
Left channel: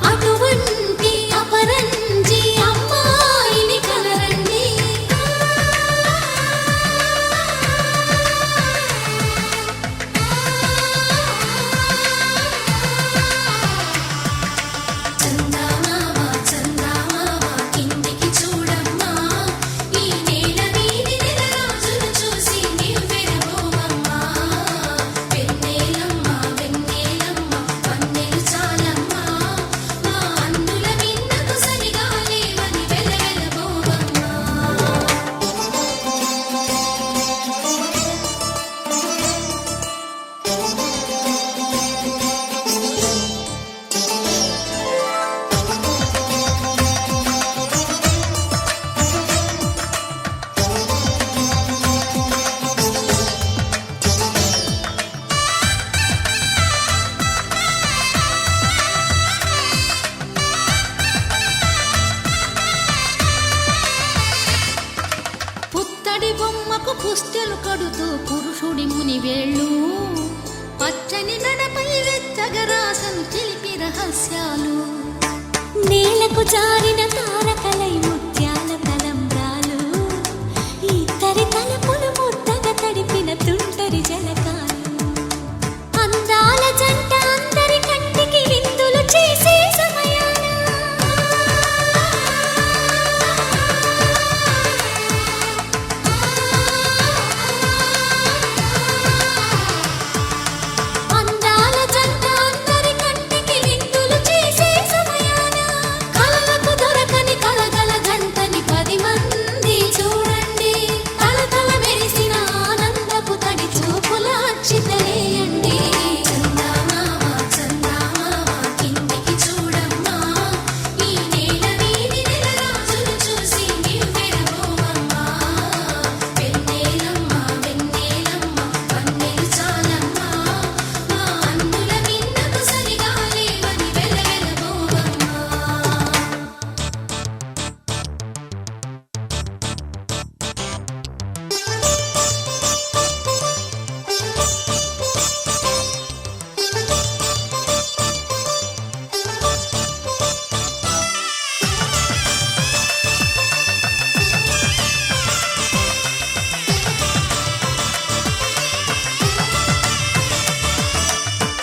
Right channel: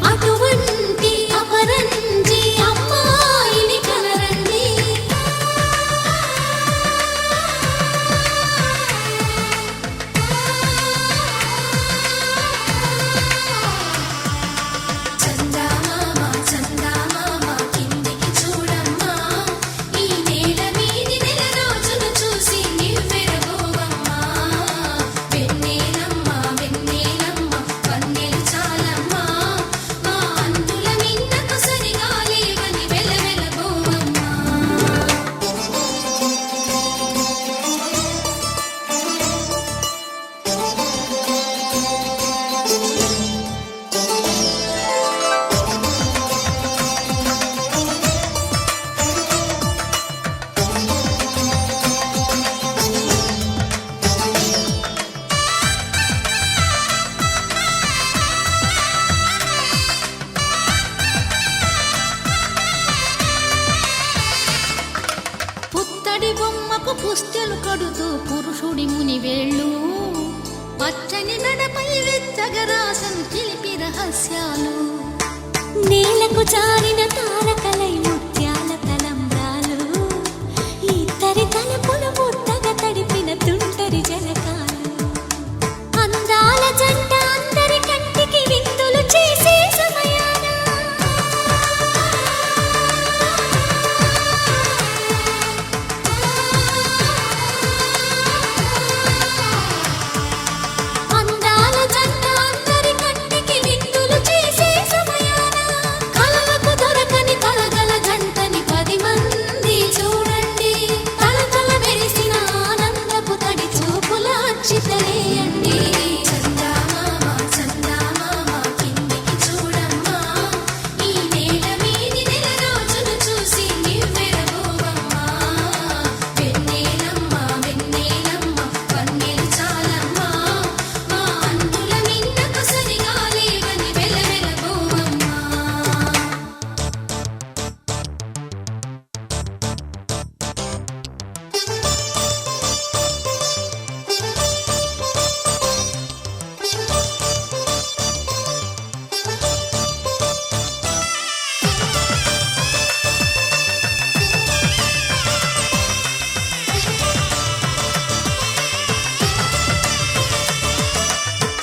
అటువంటి అపరంజి అమ్మాయిని కనరండి. చందమామ చందమామ కిందికి చూడమ్మా ఈ నేల మీది నెల రోజులు చూసి నివ్వెరపోవమ్మా వెన్నెలమ్మ వెన్నెలమ్మ వన్నెలు చాలమ్మా మా అందుల మిన్నకు సరిగా లేవని వెలవెలబోవమ్మా. పుత్తడి బొమ్మకు పుస్తెలు కడుతూ పురుషుడి ముని వేళ్ళు పచ్చని మెడపై వెచ్చగరాసను చిలిపి రహస్యాలు. నేలకు జారిన తారకలై ముత్యాల తలంబ్రాలు ఇద్దరి తలపులు ముద్దగా తడిపిన తుంటరి జలకాలు అందాల జంట అందరి కంటికి విందులు చేసే సమయాన అందాల జంట అందరి కంటికి విందులు చేసే సమయాన కలలకు దొరకని కలగల జంటని 10 మంది చూడండి. తలతల మెరిసిన ఆనందపు తడి చూపుల అక్షితలేయండి. చందమామ చందమామ కిందికి చూడమ్మా ఈ నేల మీది నెల రోజులు చూసి నివ్వెరపోవమ్మా వెన్నెలమ్మ వెన్నెలమ్మ వన్నెలు చాలమ్మా మా అందుల మిన్నకు సరిగా లేవని వెలవెలబోవమ్మా.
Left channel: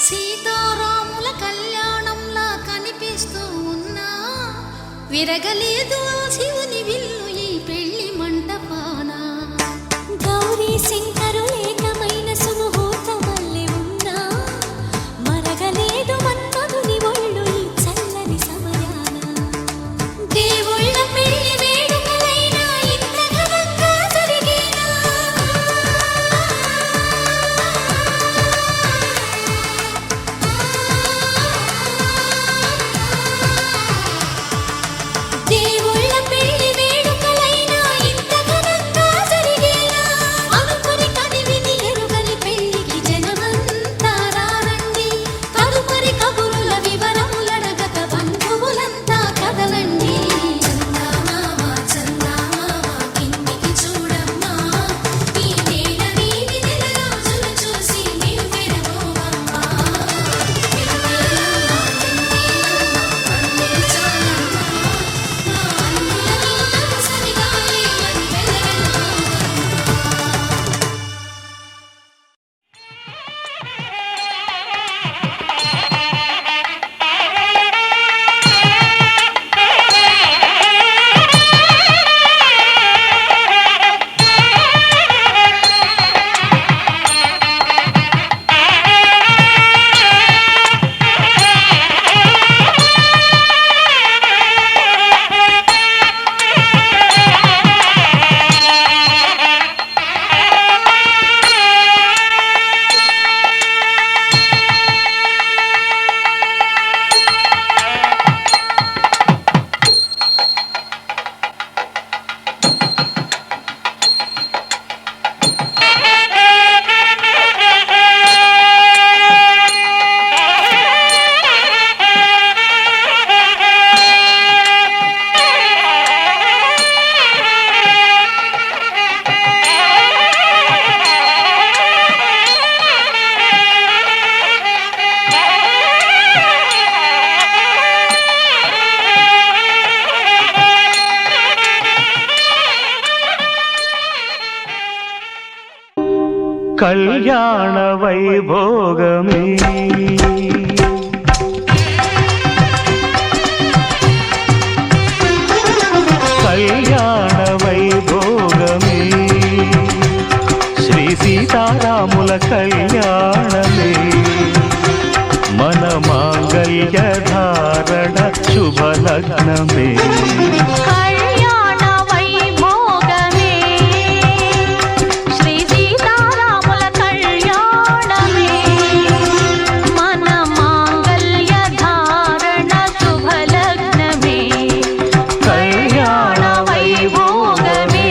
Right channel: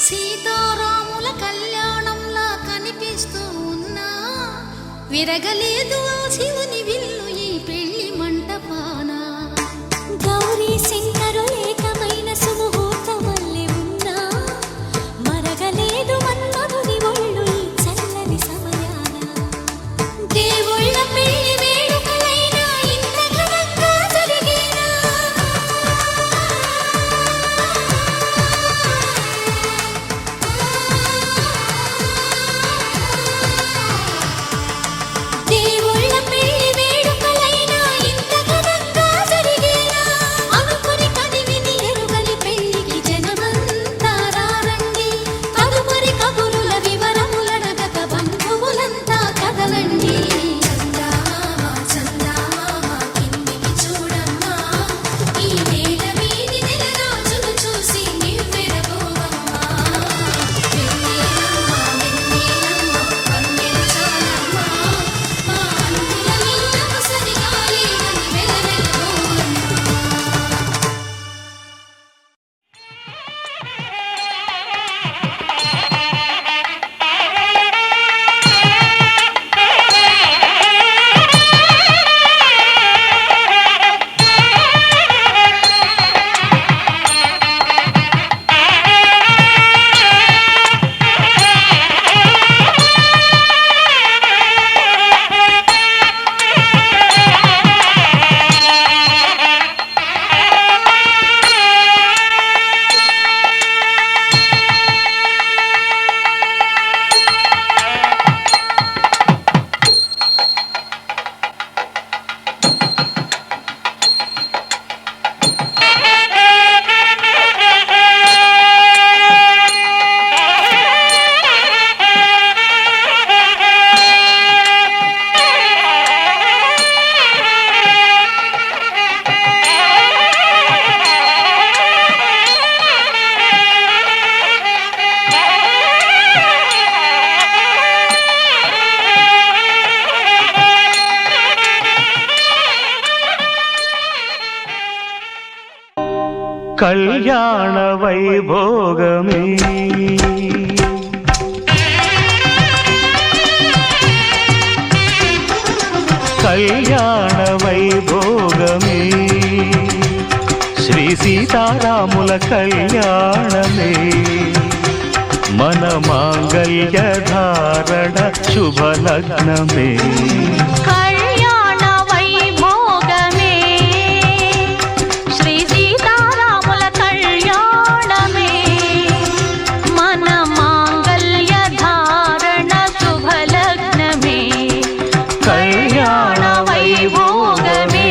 సీతారాముల కళ్యాణంలా కనిపిస్తూ ఉన్నా విరగలేదు ఆ శివుని విల్లు ఈ పెళ్లి మంటపాన. గౌరీ శంకరులేకమైన సుముహూర్తమల్లె ఉన్నా మరగలేదు మన్మధుని ఒళ్ళు ఈ చల్లని సమయాన దేవుళ్ళ పెళ్లి వేడుకలైనా ఇంత ఘనంగా జరిగేనా దేవుళ్ళ పెళ్లి వేడుకలైనా ఇంత ఘనంగా జరిగేనా అనుకుని కదివిని కళ్యాణ వైభోగమే కళ్యాణ వైభోగమే శ్రీ సీతారాముల కళ్యాణమే మన మాంగళ్య ధారణ శుభలగ్నమే కళ్యాణ వైభోగమే శ్రీ సీతారాముల కళ్యాణమే మన మాంగళ్య ధారణ శుభలగ్నమే కళ్యాణ వైభోగమే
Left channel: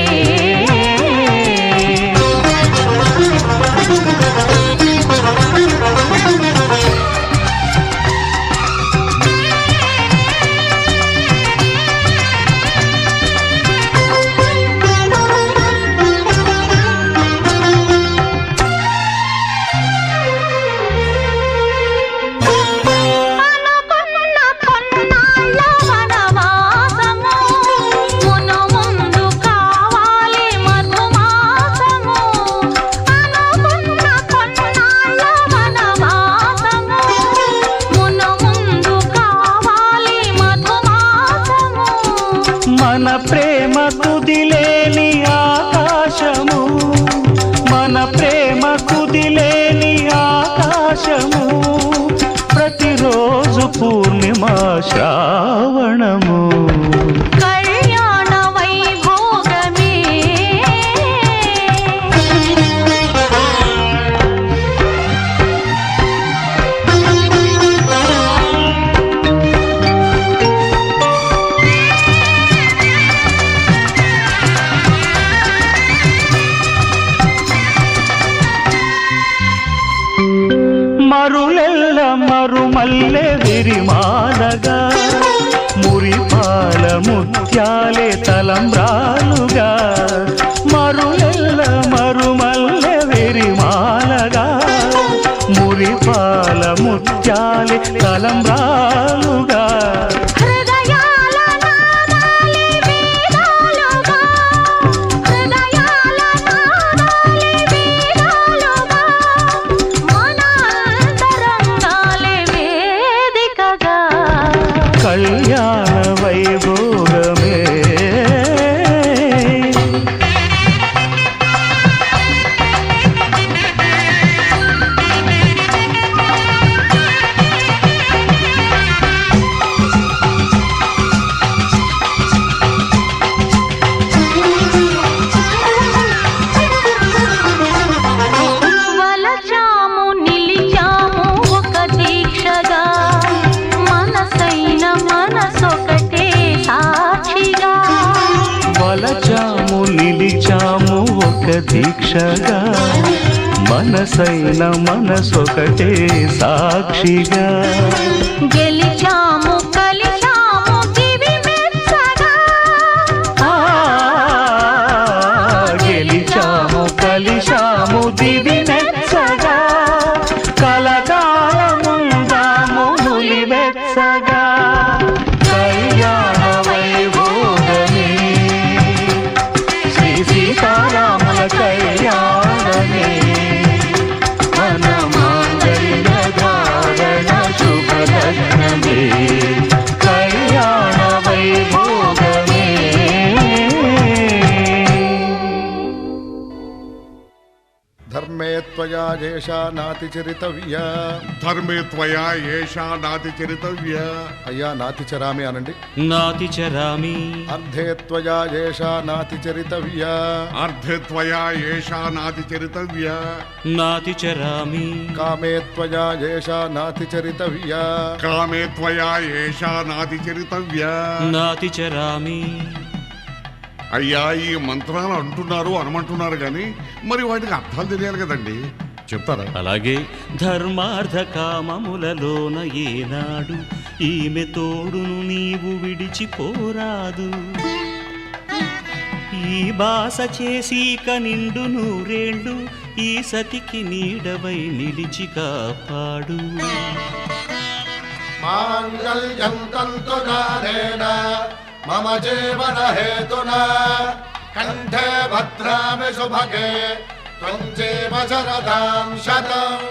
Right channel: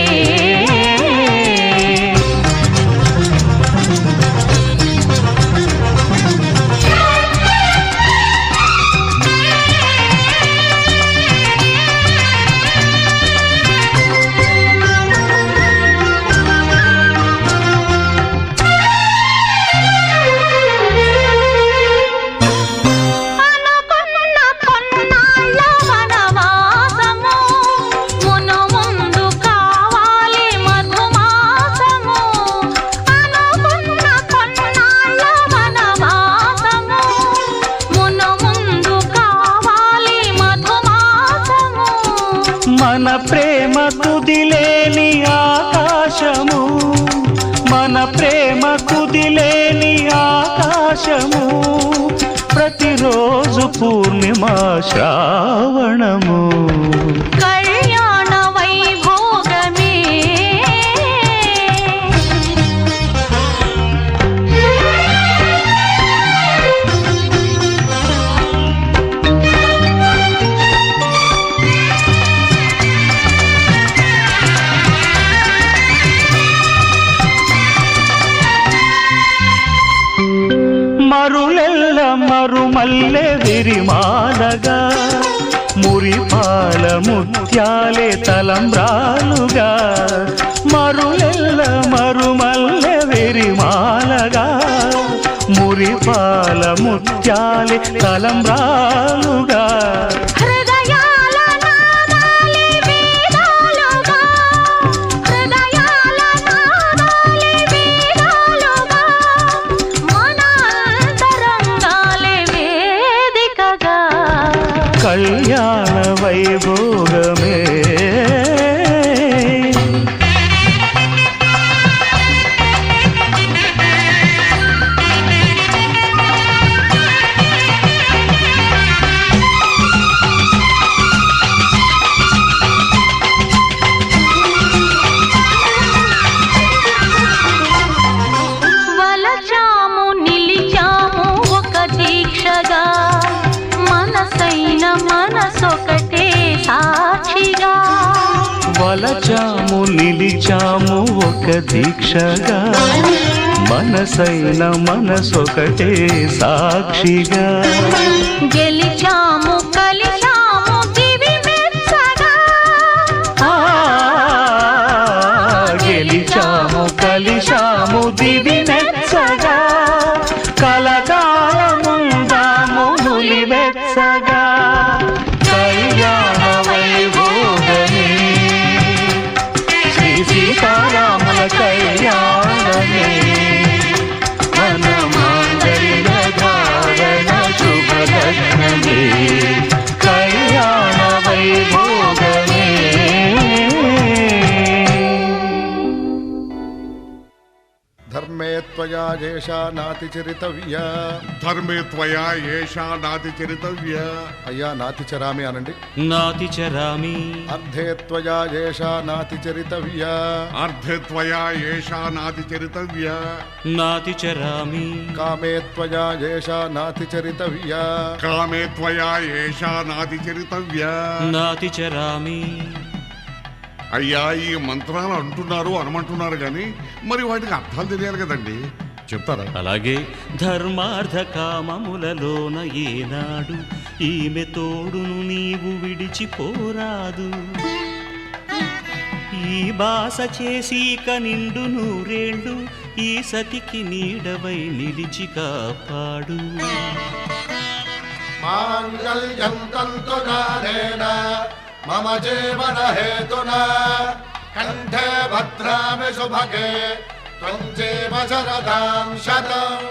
అనుకున్న కొన్నాళ్ళ వనవాసము మును ముందు కావాలి మధుమాసము అనుకున్న కొన్నాళ్ళ వనవాసము మును ముందు కావాలి మధుమాసము మన ప్రేమ కుదిలేని ఆకాశము మన ప్రేమ కుదిలేని ఆకాశము ప్రతిరోజు పూర్ణిమ శ్రావణము కళ్యాణ వైభోగమే మరులెల్ల మరుమల్లె విరిమాలగా మురిపాల ముత్యాలే తలంబ్రాలుగా మరులెల్ల మరుమల్లె విరిమాలగా మురిపాల ముత్యాలే తలంబ్రాలుగా హృదయాల నాదాలే వేదాలుగా హృదయాల నాదాలే వేదాలుగా మన అంతరంగాలే వేదికగా కళ్యాణ వైభోగమే వలచాము నిలిచాము ఒక దీక్షగా మనసైన మనసొకటే సాక్షిగా వలచాము నిలిచాము ఒక దీక్షగా మనసైన మనసొకటే సాక్షిగా గెలిచాము కలిచాము దివి మెచ్చగా ఆ, గెలిచాము కలిశాము దివి మెచ్చగా కలకాలముందాము నులివెచ్చగా కళ్యాణ వైభోగమే శ్రీ సీతారాముల కళ్యాణమే మన మాంగళ్య ధారణ శుభలగ్నమే కళ్యాణ వైభోగమే ధర్మే త్వయా ఏషా నాతిచరితవ్యా ధర్మే త్వయా ఏషా నాతి చరితవ్య అయ్యా నాతిచరామి అనండి నాతి చరామి అర్ధే త్వయా ఏషా నాతిచరితవ్యా అర్ధే త్వయా ఏషా నాతి చరితవ్య నాతి చరామి కామే త్వయా ఏషా నాతిచరితవ్యా కామే త్వయా ఏషా నాతి చరితవ్య నాతి చరామి అయ్యా ఈ మంత్రాలు అంటున్నారు అనమంటున్నారు కానీ మరి వాటికి అర్థాలు తెలియాలి కదండి, చెప్తారా? అలాగే ధర్మార్థ కామములలోన ఏనాడు ఈమె తోడును నీవు విడిచిపోరాదు ఈ బాస చేసి నిండు నూరేళ్ళు ఈ సతికి నీడవై నిలిచి కాపాడు మాంగళ్యం తంతునానేన మమ జీవన హేతునా కంఠే భద్రామి శుభగే త్వం చేవ శరదాం శతం.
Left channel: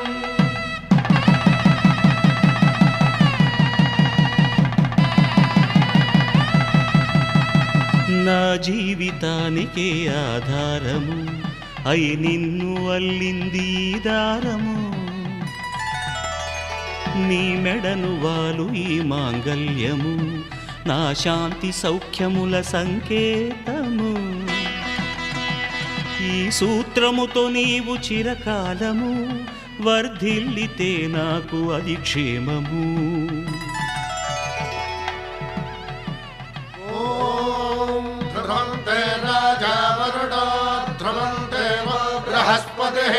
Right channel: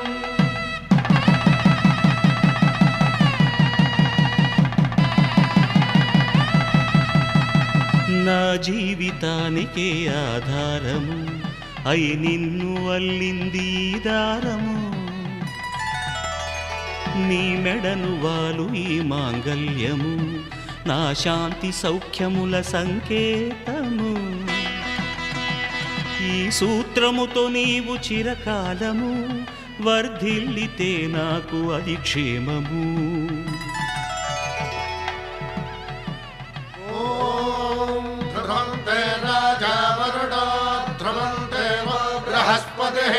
నా జీవితానికే ఆధారము అయి నిన్ను అల్లింది ఈ దారము. నీ మెడను వాలు ఈ మాంగల్యము నా శాంతి సౌఖ్యముల సంకేతము. ఈ సూత్రముతో నీవు చిరకాలము వర్ధిల్లితే నాకు అది క్షేమము. ధ్రువంతే రాజా వరుణో ధ్రువంతే వో బృహస్పతిః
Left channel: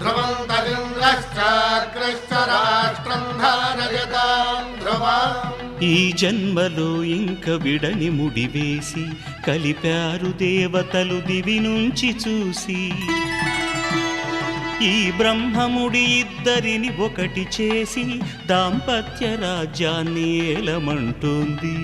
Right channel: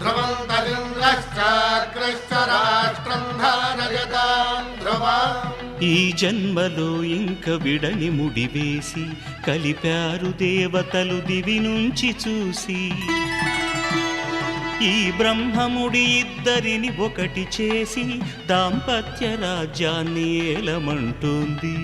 ధ్రువంతరింద్రశ్చాగ్రశ్చ రాష్ట్రం ధారయతాం ధ్రువం. ఈ జన్మలో ఇంక విడని ముడివేసి కలిపారు దేవతలు దివి నుంచి చూసి. ఈ బ్రహ్మముడి ఇద్దరిని ఒకటి చేసి దాంపత్య రాజ్యాన్ని ఏలమంటుంది.